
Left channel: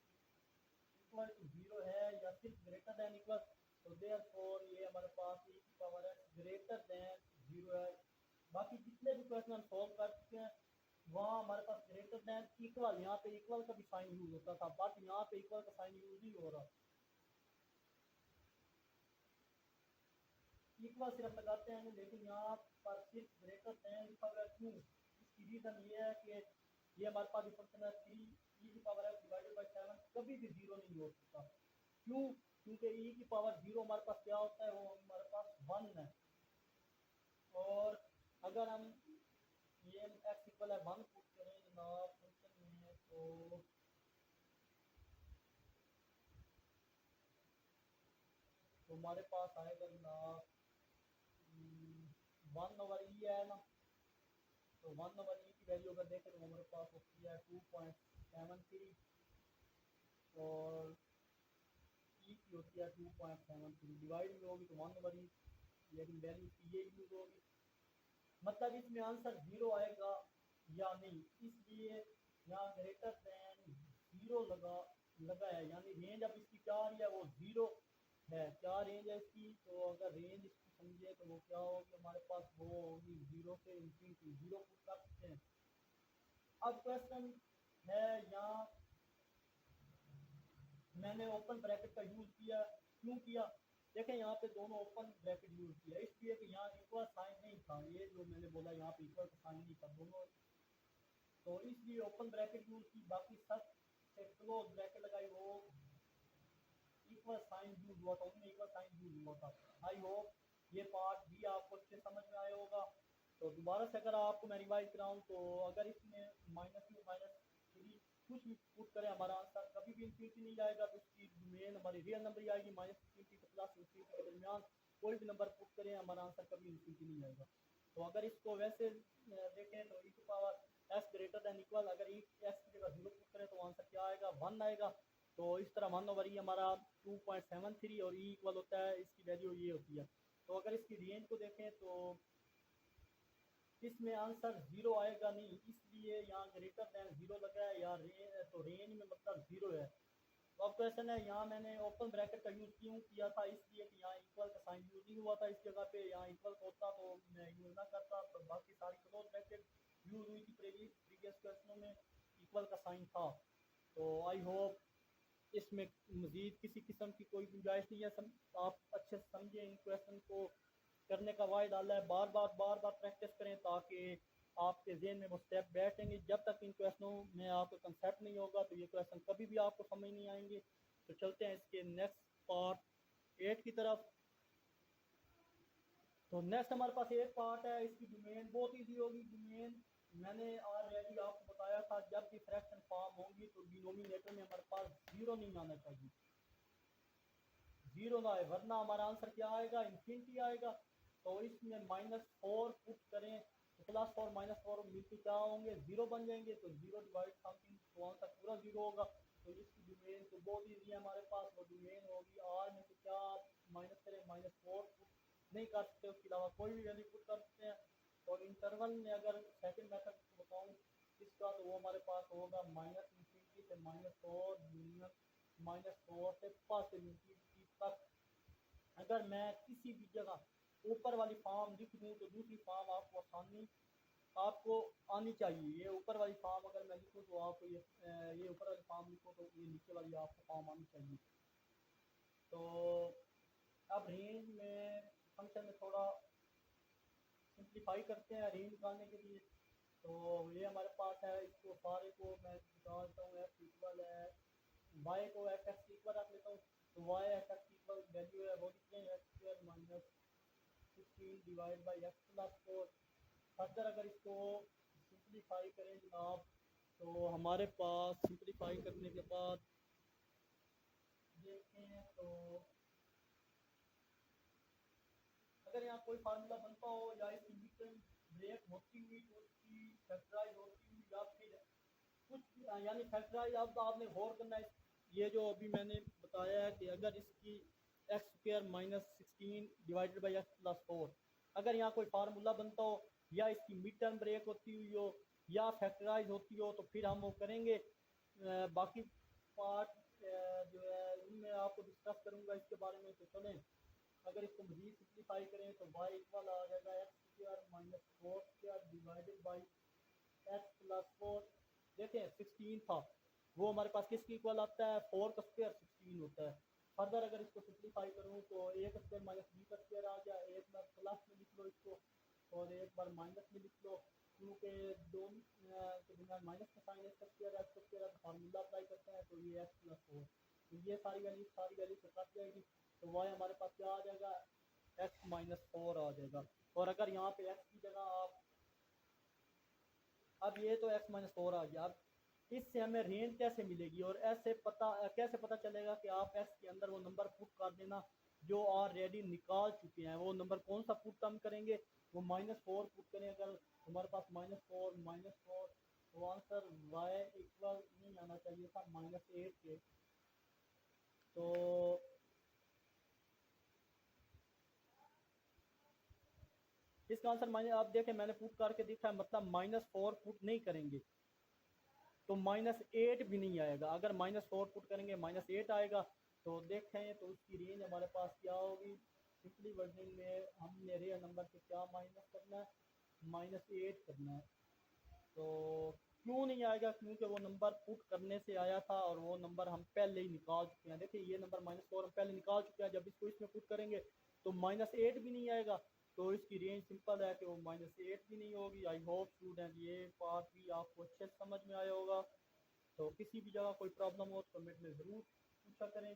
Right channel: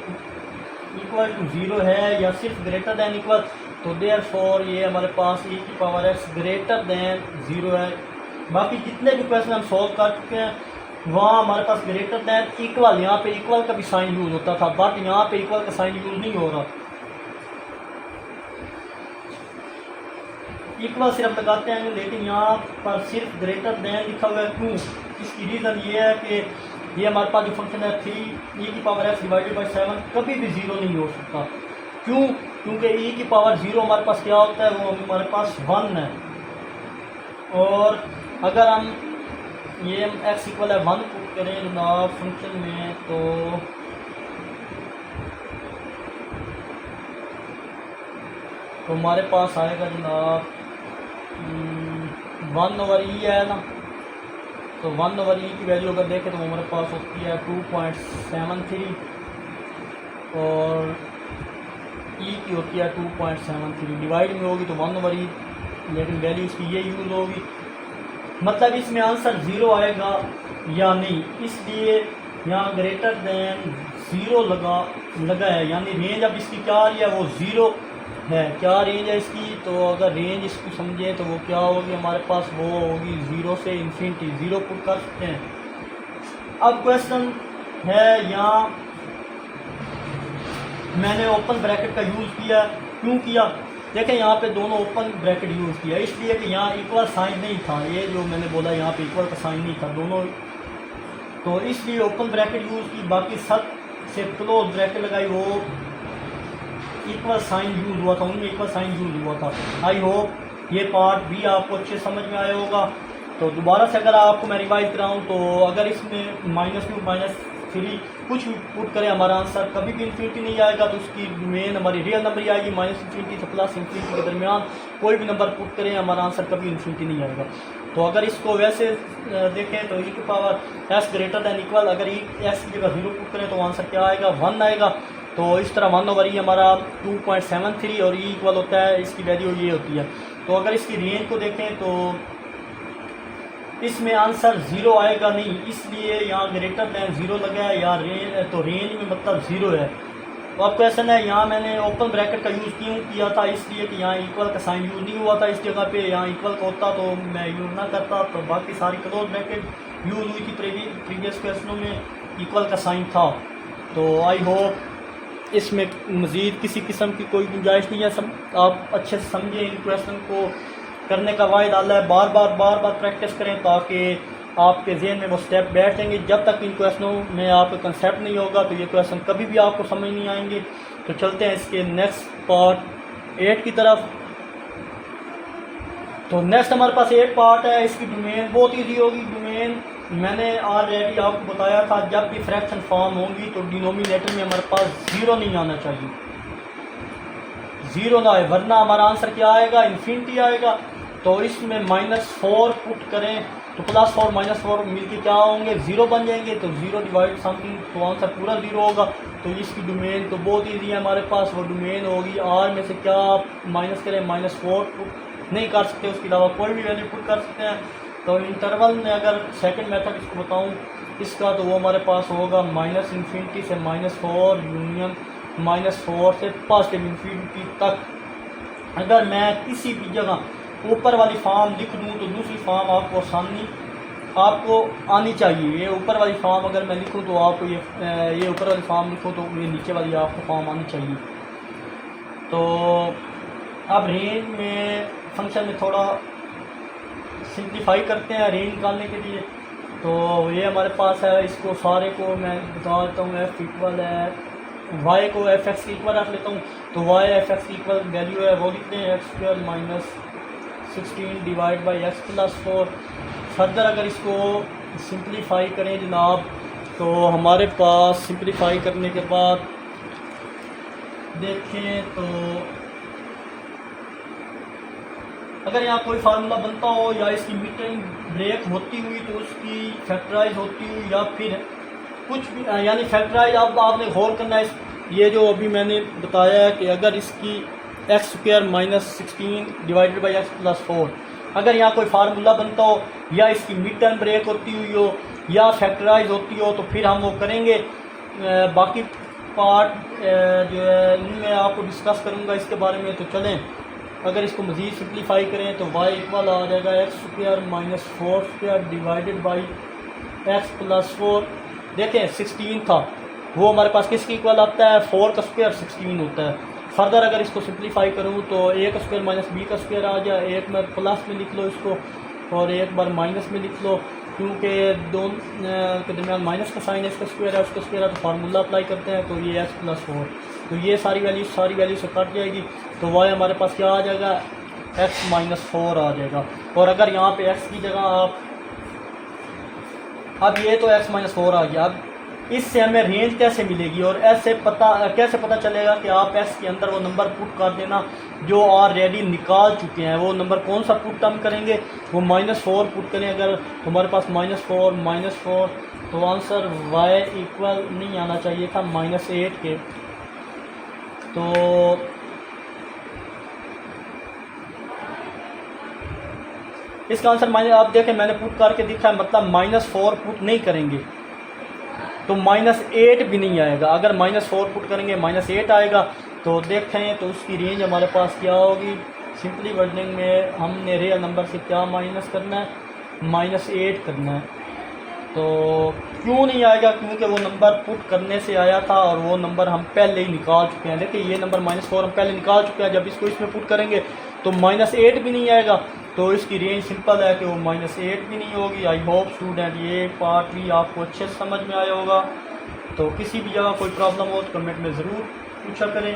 equal to 0 है या सिर्फ ग्रेटर दैन इक्वल। तो देयरफॉर ये हमारे पास e⁻x ग्रेटर दैन 0 है। बाकी जितने भी क्वेश्चन हम सॉल्व कर चुके हैं वहाँ हमारे पास ग्रेटर दैन इक्वल, यहाँ पे इक्वल का भी साइन यूज़ होता था, बट यहाँ पे इक्वल का साइन यूज़ नहीं हो रहा। इक्वल सिर्फ लगाते हैं, लेकिन यहाँ पर सिर्फ ग्रेटर दैन लिखा हुआ है। क्यों, इसकी रीज़न ये है कि ये हमारे पास जो फंक्शन है 3e⁻x / 7 कभी भी 0 नहीं हो सकता। क्यों, क्योंकि e⁻0 हमारे पास क्या होता है, वो हमारे पास 1 है। और अगर हम ये x इक्वल है 1 पुट करें जनाब फंक्शन में, तो हमारे पास आएगा जनाब 1/e है ना। तो 1/e की वैल्यू अगर देखें तो हमारे पास होती है 2.73 और e की होती है 2.73। डिवाइड में होगी तो 1/e, लेकिन वैल्यू इसकी ये यूज़ होगी। मतलब इसमें आंसर 0 आएगा या नहीं, इसलिए यहाँ ग्रेटर दैन 0 लगा है, यानी रेंज अब इसकी क्या आ रही है, वो 0 है। क्या रेंज है इसकी, तो अगर रेंज इसको समझे तो वो क्या होगी हमारे पास, वो होगी 0 से इन्फिनिटी। 0 पुट कर सकते हैं। अब क्वेश्चन है यहाँ मैंने ओपन ब्रैकेट का यूज़ किया, क्यों किया, देखें यहाँ पे दोनों ओपन ब्रैकेट यूज़ किया इसलिए कि यहाँ इक्वल साइन नहीं था, ये जो मैंने बोला यहाँ पे इक्वल का साइन नहीं था दोनों, तो इसलिए ओपन ब्रैकेट यूज़ की। बाकी सब से क्लोज ब्रैकेट लगाई, वो इक्वल साइन यूज़ हुआ था, उनमें इक्वल साइन यूज़ हुआ था। आई होप ये पार्ट भी आपको अच्छे समझ में आया होगा। तो दोबारा से अगर आपको मैं रिवाइज कराऊँ तो अगर इसमें -2 -3 कुछ भी पुट करें हमारा आंसर कभी भी इन्फिनिटी नहीं आएगा, तो उसकी मेन हमारी रियल नंबर ही आएगी। -∞ से +∞ के दरमियान कोई भी नंबर पुट करें हमारा आंसर कभी इन्फिनिटी नहीं आएगा। तो अगर इसको वैसे देखें तो e की power s greater than equal, अगर s की जगह 0 पुट करें तो आंसर क्या आएगा, 1 आएगा। तो इस तरह 1/e हमारा 2.73 और e इक्वल होता है, इसकी वैल्यू ये होती है। तो अगर इसकी रेंज को देखें तो इसमें आंसर 0 आएगा नहीं, इसलिए यहाँ ग्रेटर दैन 0 लगा है, या तो रेंज में मतलब 0 है। तो अब क्वेश्चन है यहाँ मैंने ओपन ब्रैकेट का यूज़ क्यों किया था, इसलिए कि यहाँ इक्वल का साइन यूज़ नहीं हुआ था इस जगह पे, यहाँ इक्वल का होता तो मैं यूज़ ना करता। तो बाकी सारी क्लोज ब्रैकेट यूज़ हुई थी प्रीवियस क्वेश्चनों में, इक्वल का साइन था। तो आई होप इसमें मज़ीद किसी किस्म की कोई गुंजाइश नहीं है, आप अच्छे से समझें इन क्वेश्चन को। करने का वायदा डाला है, बार बार प्रैक्टिस करें ताकि आपके जहन में वो स्टेप बैठ जाएंगे। जब तक इन क्वेश्चनों में आपका कंसेप्ट नहीं होगा तो ये क्वेश्चन कभी भी आपको समझ नहीं आएंगे। तो चलते हैं इसके नेक्स्ट पार्ट 8 की तरफ। तो नेक्स्ट हमारे पास 8 पार्ट है, इसकी डोमेन बहुत ईजी होगी। डोमेन मैंने ऑलरेडी आपको बताया था, जब भी फ्रैक्शन फॉर्म होंगी तो डिनोमिनेटर में हमारे पास 0 नहीं आना चाहिए, 0 ना आए, वरना हमारा आंसर क्या आएगा, इन्फिनिटी आएगा। तो इसमें -4 पुट करें तो +4 -4 मिलके क्या होंगे, 0 बन जाएंगे। तो 0 डिवाइड समथिंग तो आंसर पूरा 0 होगा। तो इसकी डोमेन तो बहुत ईजी है हमारे पास, वो डोमेन होगी R में से क्या आप माइनस करें, -4 पुट नहीं कर सकते, उसके अलावा कोई भी वैल्यू पुट कर सकते हैं। तो इंटरवल में अगर सेकंड मेथड इसको बताऊं इसका, तो वो हमारे पास होगा -∞ से -4 यूनियन -4 से पॉजिटिव इन्फिनिटी तक। अगर मैं किसी भी जगह ऊपर वाली फॉर्म लिख दूँ तो दूसरी फॉर्म आपको आनी चाहिए। ये ऊपर वाली फॉर्म अगर मैं लिखूँ तो आपको ये ऊपर वाली फॉर्म लिखूँ तो ये नीचे वाली आपको फॉर्म आनी चाहिए। तो अब रेंज में फंक्शन में थोड़ा सिंप्लीफाई करते हैं रेंज निकालने के लिए। तो ये हमारे पास है, इसको सारे को मैं बता देता हूँ। f इक्वल है y को f(x) के इक्वल रख लेता हूँ। तो y f(x) की इक्वल वैल्यू है वो लिखते हैं x² - 16 divide by x + 4। Further अगर इसको सिंप्लीफाई करें जनाब, तो हमारे पास सिंप्लीफाई करने के बाद देखें तो अगर यहाँ कोई फार्मूला बनता हो या इसकी मिड टर्म ब्रेक होती हुई तो उसकी फैक्टराइज होती हुई या फिर कुछ भी, यानी फैक्टराइज अब आपने गौर करना है। ये जो अभी मैंने बताया है कि अगर इसकी x² - 16 डिवाइडेड बाई x + 4 अगर यहाँ कोई फार्मूला बनता हो या इसकी मिड टर्म ब्रेक होती हुई हो या फैक्टराइज होती हो तो फिर हम वो करेंगे। बाकी पार्ट जो है इनमें आपको डिस्कस करूँगा इसके बारे में। तो चलें अगर इसको मज़ीद सिंप्लीफाई करें तो y इक्वल आ जाएगा x² - 4² डिवाइडेड बाई x + 4। देखें 16 था, वो हमारे पास किसकी इक्वल आता है, 4 का स्क्वायर 16 होता है। फर्दर अगर इसको सिंप्लीफाई करूँ तो a² - b² आ जाए, एक बार प्लस में लिख लो इसको और एक बार माइनस में लिख लो, क्योंकि दोनों के दरमियान माइनस का साइन है, इसका स्क्वायर है उसका स्क्वायर है, तो फार्मूला अप्लाई करते हैं। तो ये x + 4, तो ये सारी वैल्यू से कट जाएगी। तो y हमारे पास क्या आ जाएगा, x-4 आ जाएगा। और अगर यहाँ पे x की जगह आप, अब ये तो x-4 आ गया। अब इससे हमें रेंज कैसे मिलेगी और ऐसे कैसे पता चलेगा कि आप x के अंदर वो नंबर पुट कर देना जो ऑलरेडी निकाल चुके हैं। वो नंबर कौन सा पुट हम करेंगे, वो -4 पुट करें। अगर हमारे पास -4 तो आंसर y इक्वल नहीं आना चाहिए था -8 के। तो इसका आंसर आप देखें मैंने पुट करके दिखा है, मतलब -4 पुट नहीं करेंगे तो -8 भी नहीं आएगा। अगर -4 पुट करेंगे -8 आएगा। तो देखें तो उसकी रेंज हमारे पास क्या होगी। सिंपली वर्डिंग में हमने रियल नंबर से क्या माइनस करना है, -8 करना है। तो क्यों नहीं आएगा, क्योंकि वो नंबर पुट करने से आया था और वो नंबर हम पहले ही निकाल चुके हैं। देखिए ये नंबर -4 हम पहले निकाल चुके हैं। जब इसको इसमें पुट करेंगे तो -8 भी नहीं आएगा। तो इसकी रेंज सिंपल है कि वो -8 भी नहीं होगी। आई होप स्टूडेंट ये पार्ट भी आपको अच्छे से समझ में आया होगा। तो किसी भी जगह कोई प्रॉब्लम हो तो कमेंट में ज़रूर पूछा करें।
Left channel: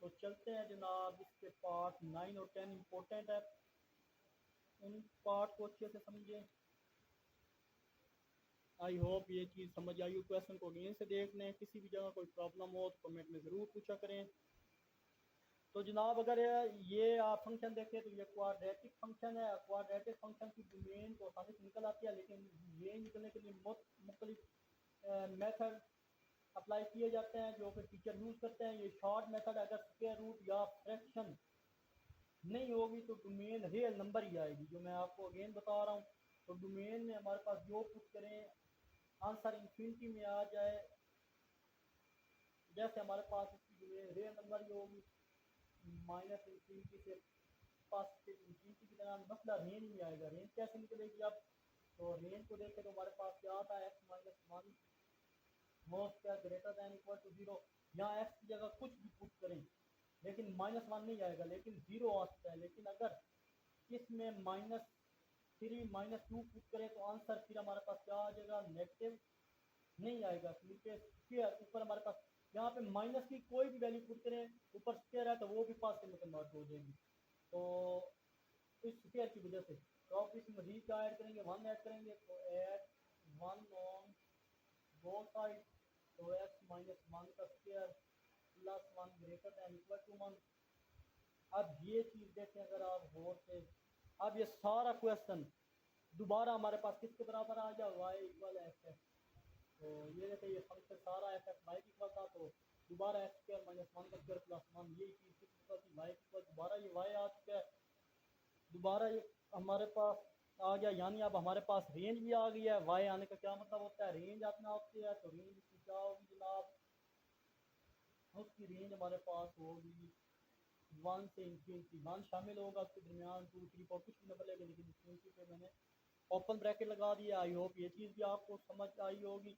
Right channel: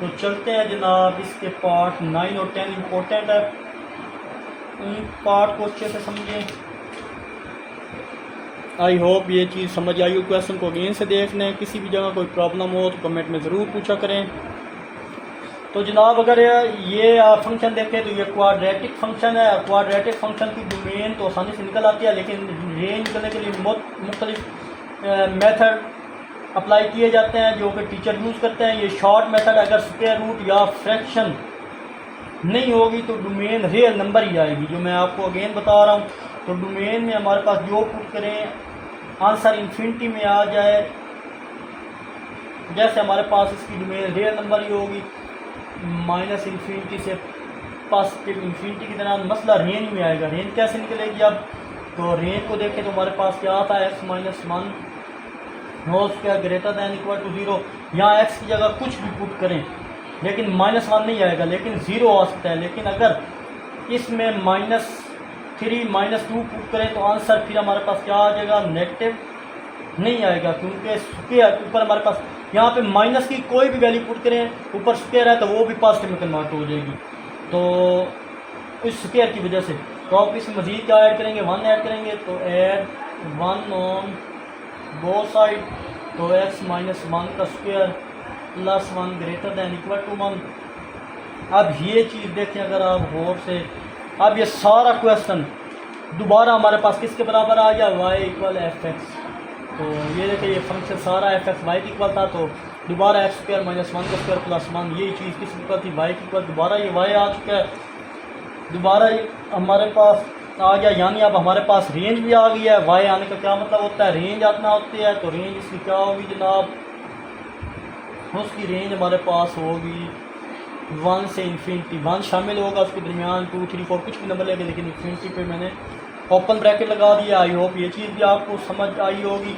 तो चलते हैं जनाब, इसके पार्ट 9 और 10 इम्पोर्टेंट है, उन पार्ट को अच्छे से समझें। आई होप ये चीज़ समझ आई हो। क्वेश्चन को अगेन से देख लें, किसी भी जगह कोई प्रॉब्लम हो तो कमेंट में ज़रूर पूछा करें। तो जनाब अगर ये फंक्शन देखें तो ये क्वाड्रेटिक फंक्शन है। क्वाड्रेटिक फंक्शन की डोमेन तो आसानी से निकल आती है, लेकिन रेंज निकलने के लिए मुख्तलिफ मेथड अप्लाई किए जाते हैं जो कि टीचर यूज़ करते हैं। ये शॉर्ट मेथड, अगर स्क्वायर रूट या फ्रैक्शन नहीं होगी तो डोमेन रियल नंबर ही आएगी, जो मैं आपको अगेन बता रहा हूँ। तो डोमेन में हमारे पास जो पुट करें आंसर इन्फिनिटी में आ जाए। जैसे हमारे पास इसकी डोमेन रियल नंबर ही होगी, -इन्फिनिटी से पॉजिटिव इन्फिनिटी की तरह। मसला रेंज में आएगा। रेंज कैसे निकलेगी अब, तो रेंज को देखें तो हमारे पास क्या आता है, x-1 whole square greater than equal to 0। यहाँ x की जगह कुछ भी पुट करें लेकिन -1 नहीं आएगा, लेकिन 0 आ सकता है। लेकिन अगर इसमें -3 -2 पुट करें तो आंसर फिर हमारे पास क्या आ जाएगा, नेगेटिव नहीं आएगा, क्योंकि स्क्वायर ऊपर हमारे पास यहाँ पे माइनस की कोई भी वैल्यू पुट करें ऊपर स्क्वायर है तो वो भी पॉजिटिव में कन्वर्ट हो जाएगी। तो इस स्क्वायर की वजह से तो आप इसमें मजीद क्या ऐड करेंगे, 1 ऐड करेंगे। तो ऐड 1 ऑन बोथ साइड। तो x-1 का square +1 greater than equal to 1। अब ये चीज़ देखें अगर आप गौर से, अब ये सारा क्वेश्चन दोबारा हमारे पास किसके बराबर आ गया, y = fx। तो ये देखिए ये फंक्शन सारा fx y के इक्वल था, तो दोबारा x² - 1 का स्क्वायर +1 यही चीज़ किस इक्वल थी, y के इक्वल। दोबारा ये y आ चुका है, दोबारा ये हमारे पास आ गया, यानी अब हमारे पास रेंज भी आ गई है। y आने का क्या मतलब होता है, रेंज आना होती है। तो रेंज इसकी क्या होगी जनाब, उसकी रेंज हमारे पास होगी 1 से इन्फिनिटी। 1 शामिल होगा उसके दरमियान, 2 3 4 कुछ भी नंबर लेंगे, लेकिन इन्फिनिटी पे मैंने ओपन ब्रैकेट लगा दिया। आई होप ये चीज़ भी आपको समझ आई होगी।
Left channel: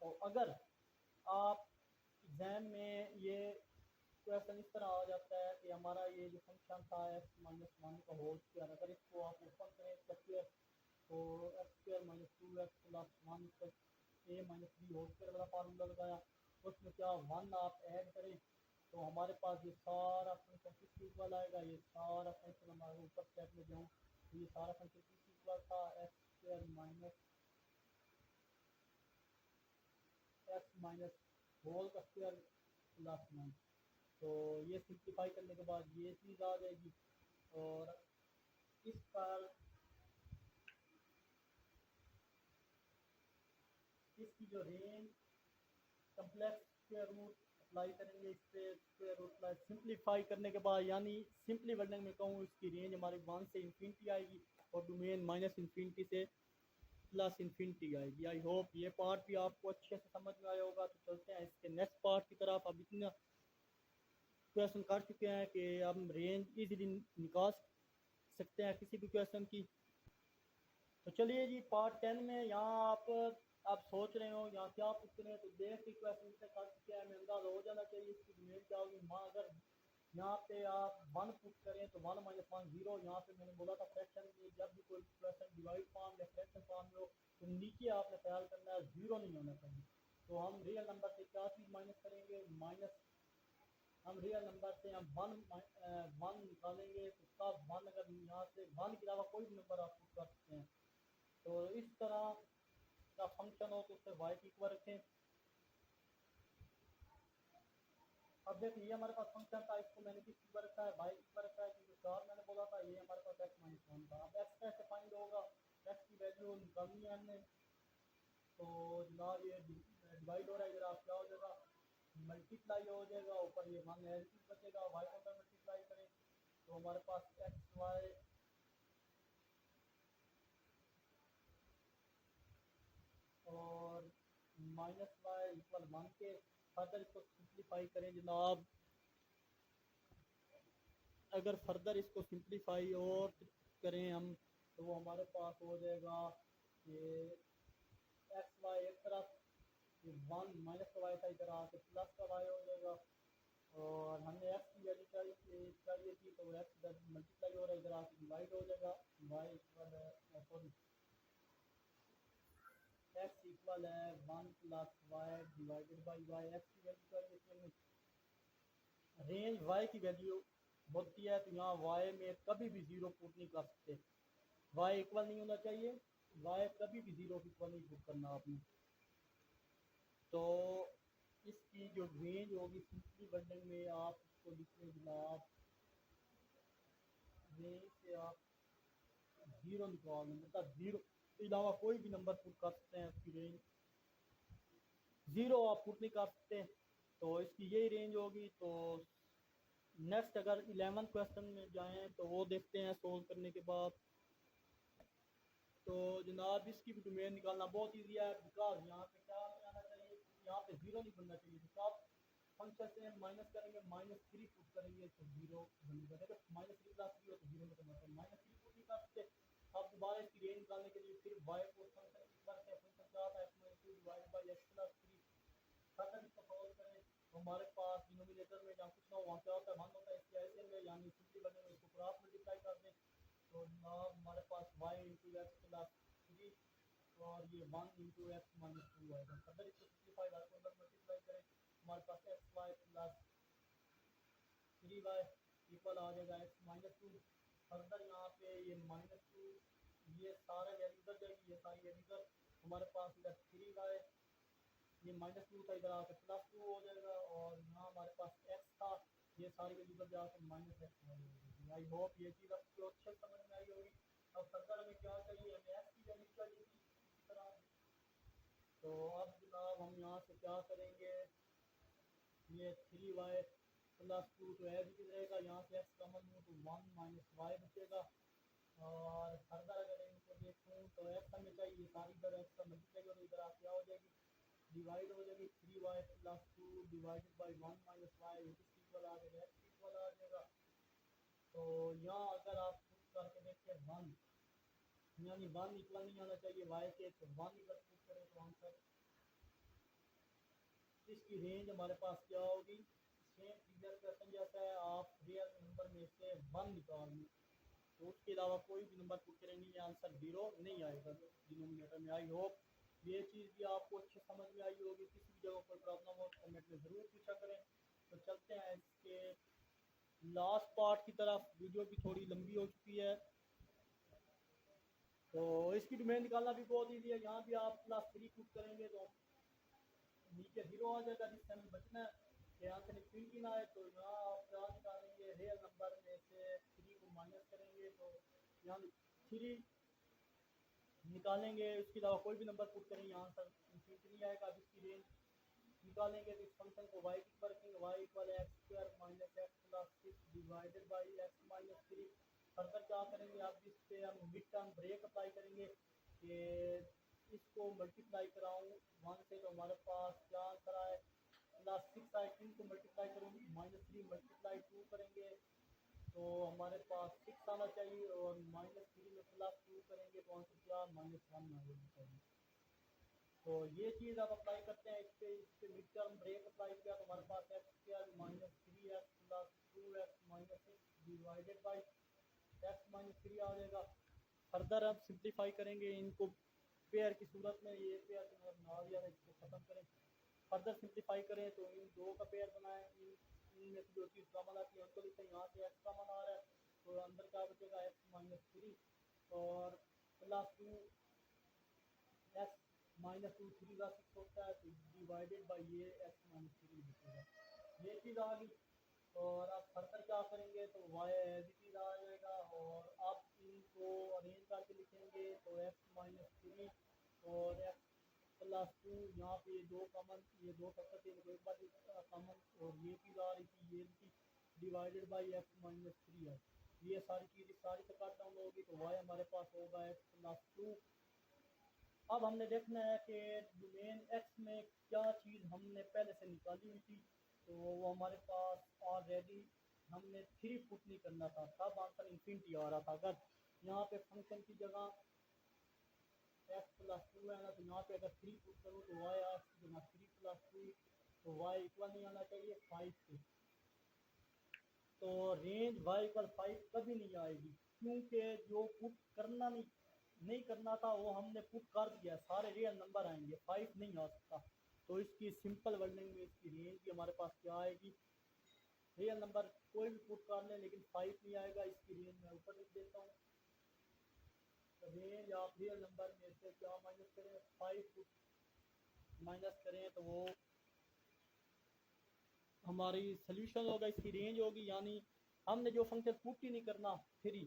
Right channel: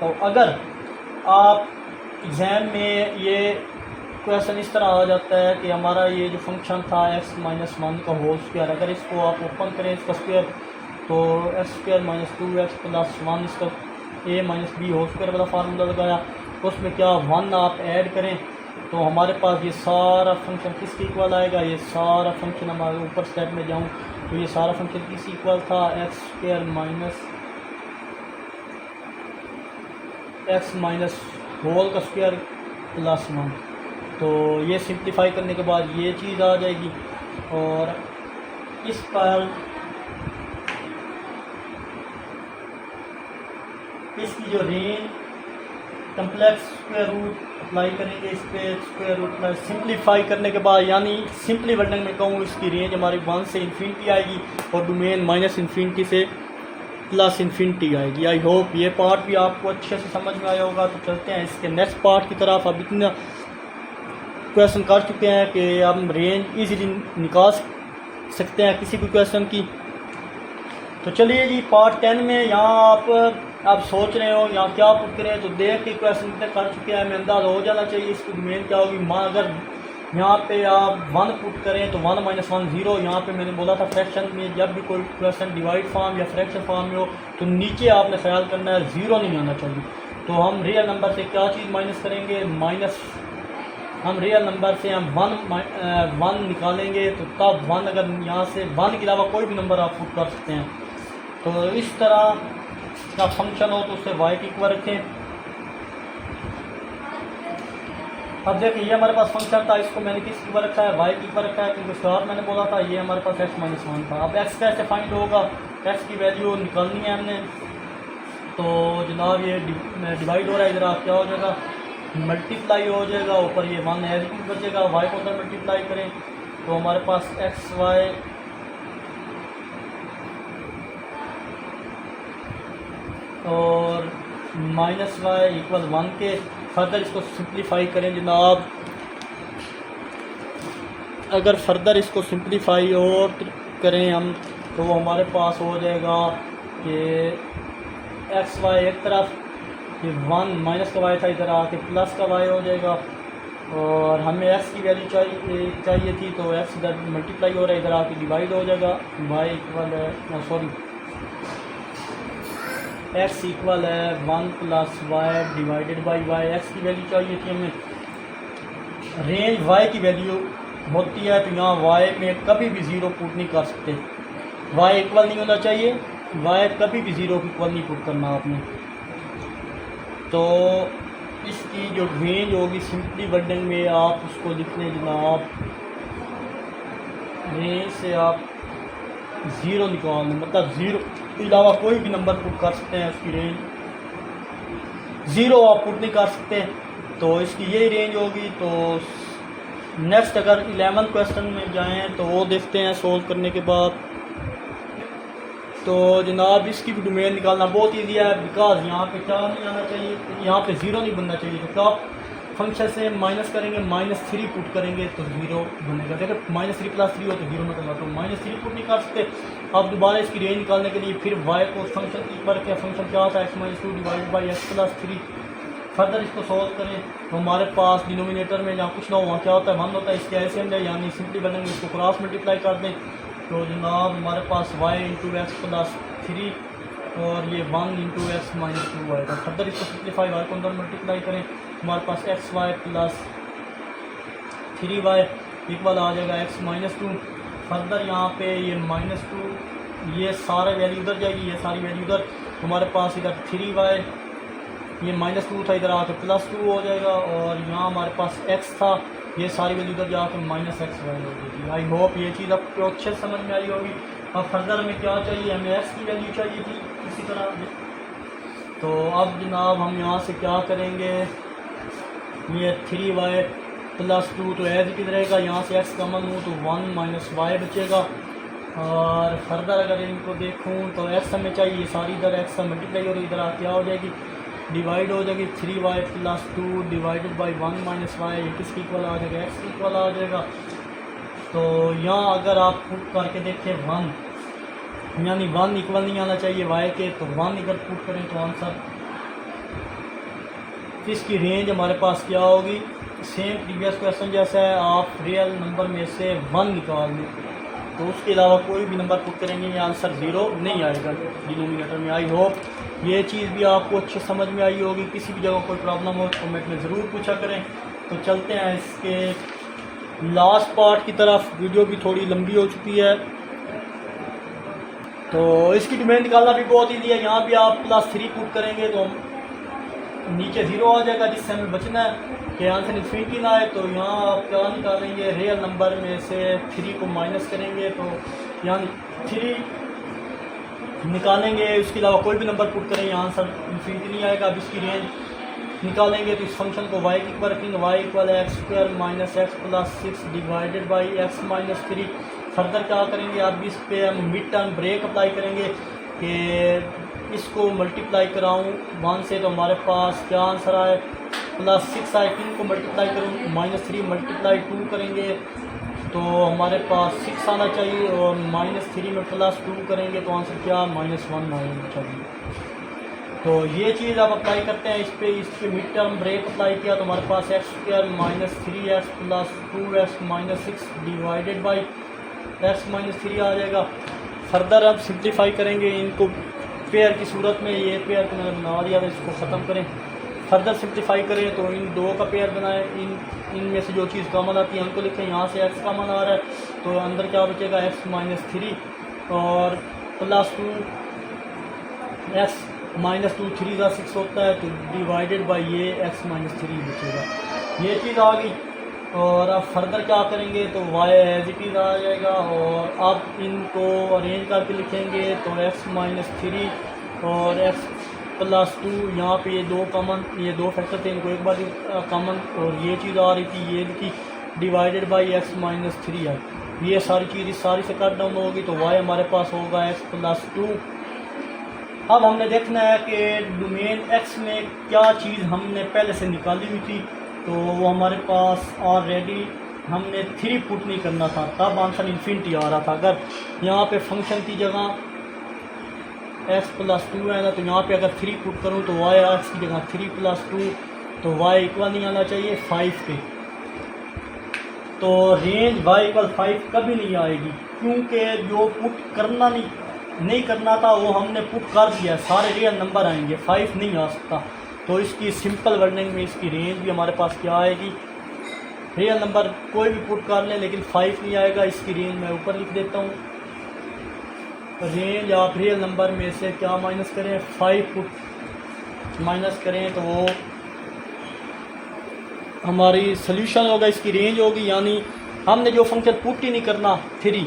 तो अगर आप एग्ज़ाम में ये क्वेश्चन इस तरह आ जाता है कि हमारा ये जो फंक्शन था x-1 का होल स्क्वायर, अगर इसको आप ओपन करें इसका स्क्वायर, तो x² - 2x + 1 इसका a - b होल स्क्वायर वाला फार्मूला लगाया, उसमें क्या 1 आप ऐड करें तो हमारे पास ये सारा फंक्शन किसके इक्वल आएगा, ये सारा फंक्शन हमारे ऊपर स्टेप में जाऊँ तो ये सारा फंक्शन किस इक्वल था, x होल का स्क्वायर +1। तो ये सिंप्लीफाई करने के बाद ये चीज़ आ जाएगी। और इस पर इसकी जो range complex square root apply करेंगे इस पर, स्क्वायर रूट प्लस सिंप्लीफाई करने के बाद, यानी सिंपली वर्डिंग में कहूँ इसकी रेंज हमारी 1 से इन्फिनिटी आएगी और डोमेन -इन्फिनिटी से +इन्फिनिटी आएगी। आई होप ये पार्ट भी आपको अच्छे से समझ में आया होगा। तो चलते हैं इसके नेक्स्ट पार्ट की तरफ। अब इतना क्वेश्चन कर चुके हैं कि हम रेंज इजीली निकाल सकते हैं किसी भी क्वेश्चन की। तो चलिए जी पार्ट 10 में यहाँ आप सोच रहे हो यहाँ क्या पुट करें, तो देख के क्वेश्चन कितने कर चुके हैं हमें अंदाज़ा हो जाना चाहिए इसकी डोमेन क्या होगी। अगर यहाँ पे आप 1 पुट करें तो 1 - 1 0। यहाँ पे मैंने बोला था फ्रैक्शन में जब भी कोई क्वेश्चन डिवाइड फॉर्म या फ्रैक्शन फॉर्म में हो तो नीचे आपने ख्याल करना है 0 नहीं आना चाहिए। तो हम रियल नंबर से क्या चीज़ माइनस करेंगे, हम रियल नंबर से हम वन निकालेंगे, तो तब वन, अगर यहाँ से वन के अलावा कोई भी नंबर आप पुट कर सकते हैं। तो इस तरह का फंक्शन हो तो उससे वाई की इक्वल रखें। अब देखिए ये हमारे पास फंक्शन था, इसको मैंने किस इक्वल रखा है, वाई की इक्वल रखा है, क्योंकि स्टार्ट मैंने बोला था ये हमारे पास x माइनस वन था। अब x कैसे फाइंड होगा, x की वैल्यू निकालनी है हमने। तो जनाब ये डिवाइड हो रहा है, इधर आप क्या हो जाएगा, मल्टीप्लाई हो जाएगा, ऊपर ये वन एज इट इज बचेगा, वाई को उधर मल्टीप्लाई करें तो हमारे पास एक्स वाई और माइनस वाई इक्वल वन के। फर्दर इसको सिंप्लीफाई करें जनाब, अगर फर्दर इसको सिंप्लीफाई और करें हम तो वो हमारे पास हो जाएगा कि एक्स वाई एक तरफ, ये वन माइनस का वाई था, इधर आके प्लस का वाई हो जाएगा। और हमें एक्स की वैल्यू चाहिए थी, तो एक्स इधर मल्टीप्लाई हो रहा है, इधर आके डिवाइड हो जाएगा। वाई इक्वल है, सॉरी, एक्स इक्वल है one plus Y divided by Y. X की वैल्यू चाहिए थी हमें, रेंज वाई की वैल्यू होती है, तो यहाँ वाई में कभी भी ज़ीरो पुट नहीं कर सकते, वाई इक्वल नहीं होना चाहिए, वाई कभी भी ज़ीरो की इक्वल नहीं पुट करना आपने। तो इसकी जो रेंज होगी सिंपली वर्डिंग में आप उसको लिख लें जनाब, रेंज से आप ज़ीरो निकाल लें, मतलब ज़ीरो के अलावा कोई भी नंबर पुट कर सकते हैं, उसकी रेंज ज़ीरो आप पुट नहीं कर सकते, तो इसकी यही रेंज होगी। तो नेक्स्ट अगर 11 क्वेश्चन में जाएं तो वो देखते हैं सोल्व करने के बाद। तो जनाब इसकी भी डोमेन निकालना बहुत ईजी है, बिकॉज यहाँ पे क्या नहीं आना चाहिए, यहाँ पे ज़ीरो नहीं बनना चाहिए। तो क्या फंक्शन से माइनस करेंगे, -3 पुट करेंगे तो ज़ीरो बनेगा। देखो -3 + 3 हो तो ज़ीरो निकलना, तो -3 पुट नहीं कर सकते। अब दोबारा इसकी रेंज निकालने के लिए फिर वाई को फंक्शन की पर क्या, फंक्शन क्या था, x-2 divide by x + 3। Further इसको सॉल्व करें तो हमारे पास डिनोमिनेटर में जहाँ कुछ ना हो वहाँ क्या होता है, 1 होता है, इसके ऐसे अंदर यानी सिंपली बनेंगे, इसको क्रॉस मल्टीप्लाई कर दें तो जनाब हमारे पास y × x + 3 और ये 1 × x - 2 आएगा। फर्दर इसको सिंप्लीफाई y को अंदर मल्टीप्लाई करें, हमारे पास xy + 3y इक्वल आ जाएगा x - 2। फर्दर यहाँ पे ये -2, ये सारा वैल्यू उधर जाएगी, ये सारी वैल्यू उधर, हमारे पास इधर 3y, ये -2 था, इधर आके +2 हो जाएगा। और यहाँ हमारे पास x था, ये सारी वैल्यू उधर जाके -xy हो जाएगी। आई होप ये चीज़ आपको अच्छे समझ में आई होगी। अब फर्दर हमें क्या चाहिए, हमें x की वैल्यू चाहिए थी इसी तरह। तो अब जनाब हम यहाँ से क्या करेंगे, ये 3y + 2 तो एज इट इज रहेगा, यहाँ से x कॉमन हो तो 1 - y बचेगा। और फर्दर अगर इनको देखूँ तो x हमें चाहिए, सारी इधर x से मल्टीप्लाई हो रही, इधर आ क्या हो जाएगी, डिवाइड हो जाएगी, 3y + 2 डिवाइडेड बाई 1 - y, ये किसकी इक्वल आ जाएगा, x की इक्वल आ जाएगा। तो यहाँ अगर आप पुट करके देखें 1, यानी 1 इक्वल नहीं आना चाहिए y के, तो 1 अगर पुट करें तो आंसर, इसकी रेंज हमारे पास क्या होगी, सेम प्रीवियस क्वेश्चन जैसा है, आप रियल नंबर में से 1 निकाल लें, तो उसके अलावा कोई भी नंबर पुट करेंगे ये आंसर ज़ीरो नहीं आएगा डिनोमिनेटर में। आई होप ये चीज़ भी आपको अच्छे समझ में आई होगी। किसी भी जगह कोई प्रॉब्लम हो तो कमेंट में ज़रूर पूछा करें। तो चलते हैं इसके लास्ट पार्ट की तरफ, वीडियो भी थोड़ी लंबी हो चुकी है। तो इसकी डोमेन निकालना भी बहुत ईजी है, यहाँ भी आप +3 पुट करेंगे तो नीचे 0 आ जाएगा, जिससे हमें बचना है कि आंसर इन्फिनिटी ना आए। तो यहाँ आप क्या निकालेंगे, रियल नंबर में से 3 को माइनस करेंगे तो यहाँ 3 निकालेंगे, उसके अलावा कोई भी नंबर पुट करें यहाँ आंसर इन्फिनिटी नहीं आएगा। अब इसकी रेंज निकालेंगे तो इस फंक्शन को y की इक्वल रखेंगे, y equal x² - x + 6 divided by x - 3। Further क्या करेंगे, अब इस पे हम मिड टर्म ब्रेक अप्लाई करेंगे कि इसको मल्टीप्लाई कराऊँ 1 से तो हमारे पास क्या आंसर आए, +6 आए, 3 को मल्टीप्लाई करूँ -3 × 2 करेंगे तो हमारे पास 6 आना चाहिए, और -3 में +2 करेंगे तो आंसर क्या, -1 आना चाहिए। तो ये चीज़ आप अप्लाई करते हैं इस पे मिड टर्म ब्रेक अप्लाई किया तो हमारे पास x² - 3x + 2x - 6 divided by x - 3 आ जाएगा। फर्दर अब सिंप्लीफाई करेंगे इनको पेयर की सूरत में, ये पेयर को मैंने बना दिया, तो इसको ख़त्म करें फर्दर सिंप्लीफाई करें तो इन दो का पेयर बनाएं, इनमें से जो चीज़ कॉमन आती है उनको लिखें। यहाँ से x कॉमन आ रहा है तो अंदर क्या बचेगा, x माइनस 3 और प्लस 2, x माइनस 2 3 का 6 होता है तो डिवाइडेड बाई ये x माइनस 3 बचेगा। ये चीज़ आ गई। और अब फर्दर क्या करेंगे तो y एज इट इज़ आ जाएगा और अब इनको अरेंज करके लिखेंगे तो x माइनस 3 और x प्लस 2, यहाँ पे ये दो कॉमन, ये दो फैक्टर थे इनको एक बार कॉमन, और ये चीज़ आ रही थी ये थी डिवाइडेड बाई x माइनस 3 आई। ये सारी चीज़ इस सारी से कट डाउन होगी तो y हमारे पास होगा x प्लस 2। अब हमने देखना है कि डोमेन x में क्या चीज़ हमने पहले से निकाली हुई थी, तो वो हमारे पास ऑलरेडी हमने 3 पुट नहीं करना था, तब आंसर इन्फिनिटी आ रहा था। अगर यहाँ पे फंक्शन की जगह x प्लस 2 है ना, तो यहाँ पे अगर 3 पुट करूँ तो y x की जगह 3 प्लस 2 तो y इक्वल नहीं आना चाहिए 5 के। तो रेंज y इक्वल 5 कभी नहीं आएगी, क्योंकि जो पुट करना नहीं करना था वो हमने पुट कर दिया, सारे रियल नंबर आएंगे, 5 नहीं आ सकता। तो इसकी सिंपल वर्डिंग में इसकी रेंज भी हमारे पास क्या आएगी, रियल नंबर कोई भी पुट कर लें लेकिन 5 नहीं आएगा। इसकी रेंज मैं ऊपर लिख देता हूँ। रेंज आप रियल नंबर में से क्या माइनस करें, 5 पुट माइनस करें तो वो हमारी सोल्यूशन होगा, इसकी रेंज होगी। यानी हमने जो फंक्शन पुट ही नहीं करना 3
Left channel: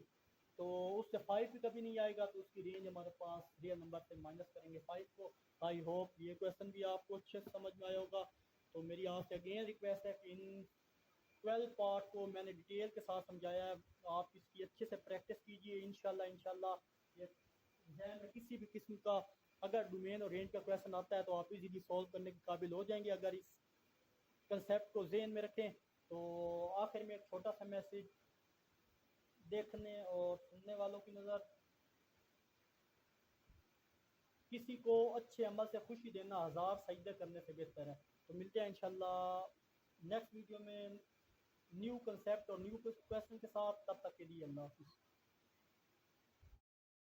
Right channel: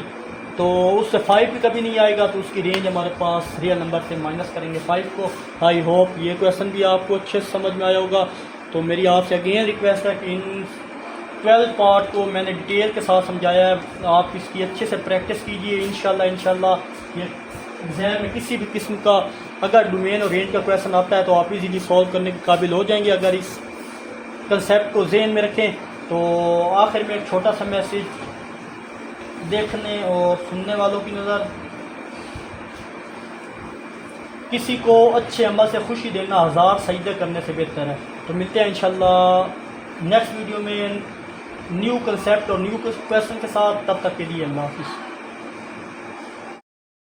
तो उससे 5 भी कभी नहीं आएगा, तो उसकी रेंज हमारे पास रियल नंबर से माइनस करेंगे 5 को। आई होप ये क्वेश्चन भी आपको अच्छे से समझ में आया होगा। तो मेरी आपसे अगेन रिक्वेस्ट है कि इन 12 पार्ट को मैंने डिटेल के साथ समझाया है, आप इसकी अच्छे से प्रैक्टिस कीजिए। इंशाल्लाह ये एग्ज़ाम में किसी भी किस्म का अगर डोमेन और रेंज का क्वेश्चन आता है तो आप इजीली सॉल्व करने के काबिल हो जाएंगे अगर इस कंसेप्ट को जहन में रखें। तो आखिर में एक छोटा सा मैसेज देखने और सुनने वालों की नज़र, किसी को अच्छे अमल से खुशी देना 1000 सजदे करने से बेहतर है। तो मिलते हैं इंशाल्लाह नेक्स्ट वीडियो में न्यू कंसेप्ट और न्यू क्वेश्चन के साथ। तब तक के लिए अल्लाह हाफिज़।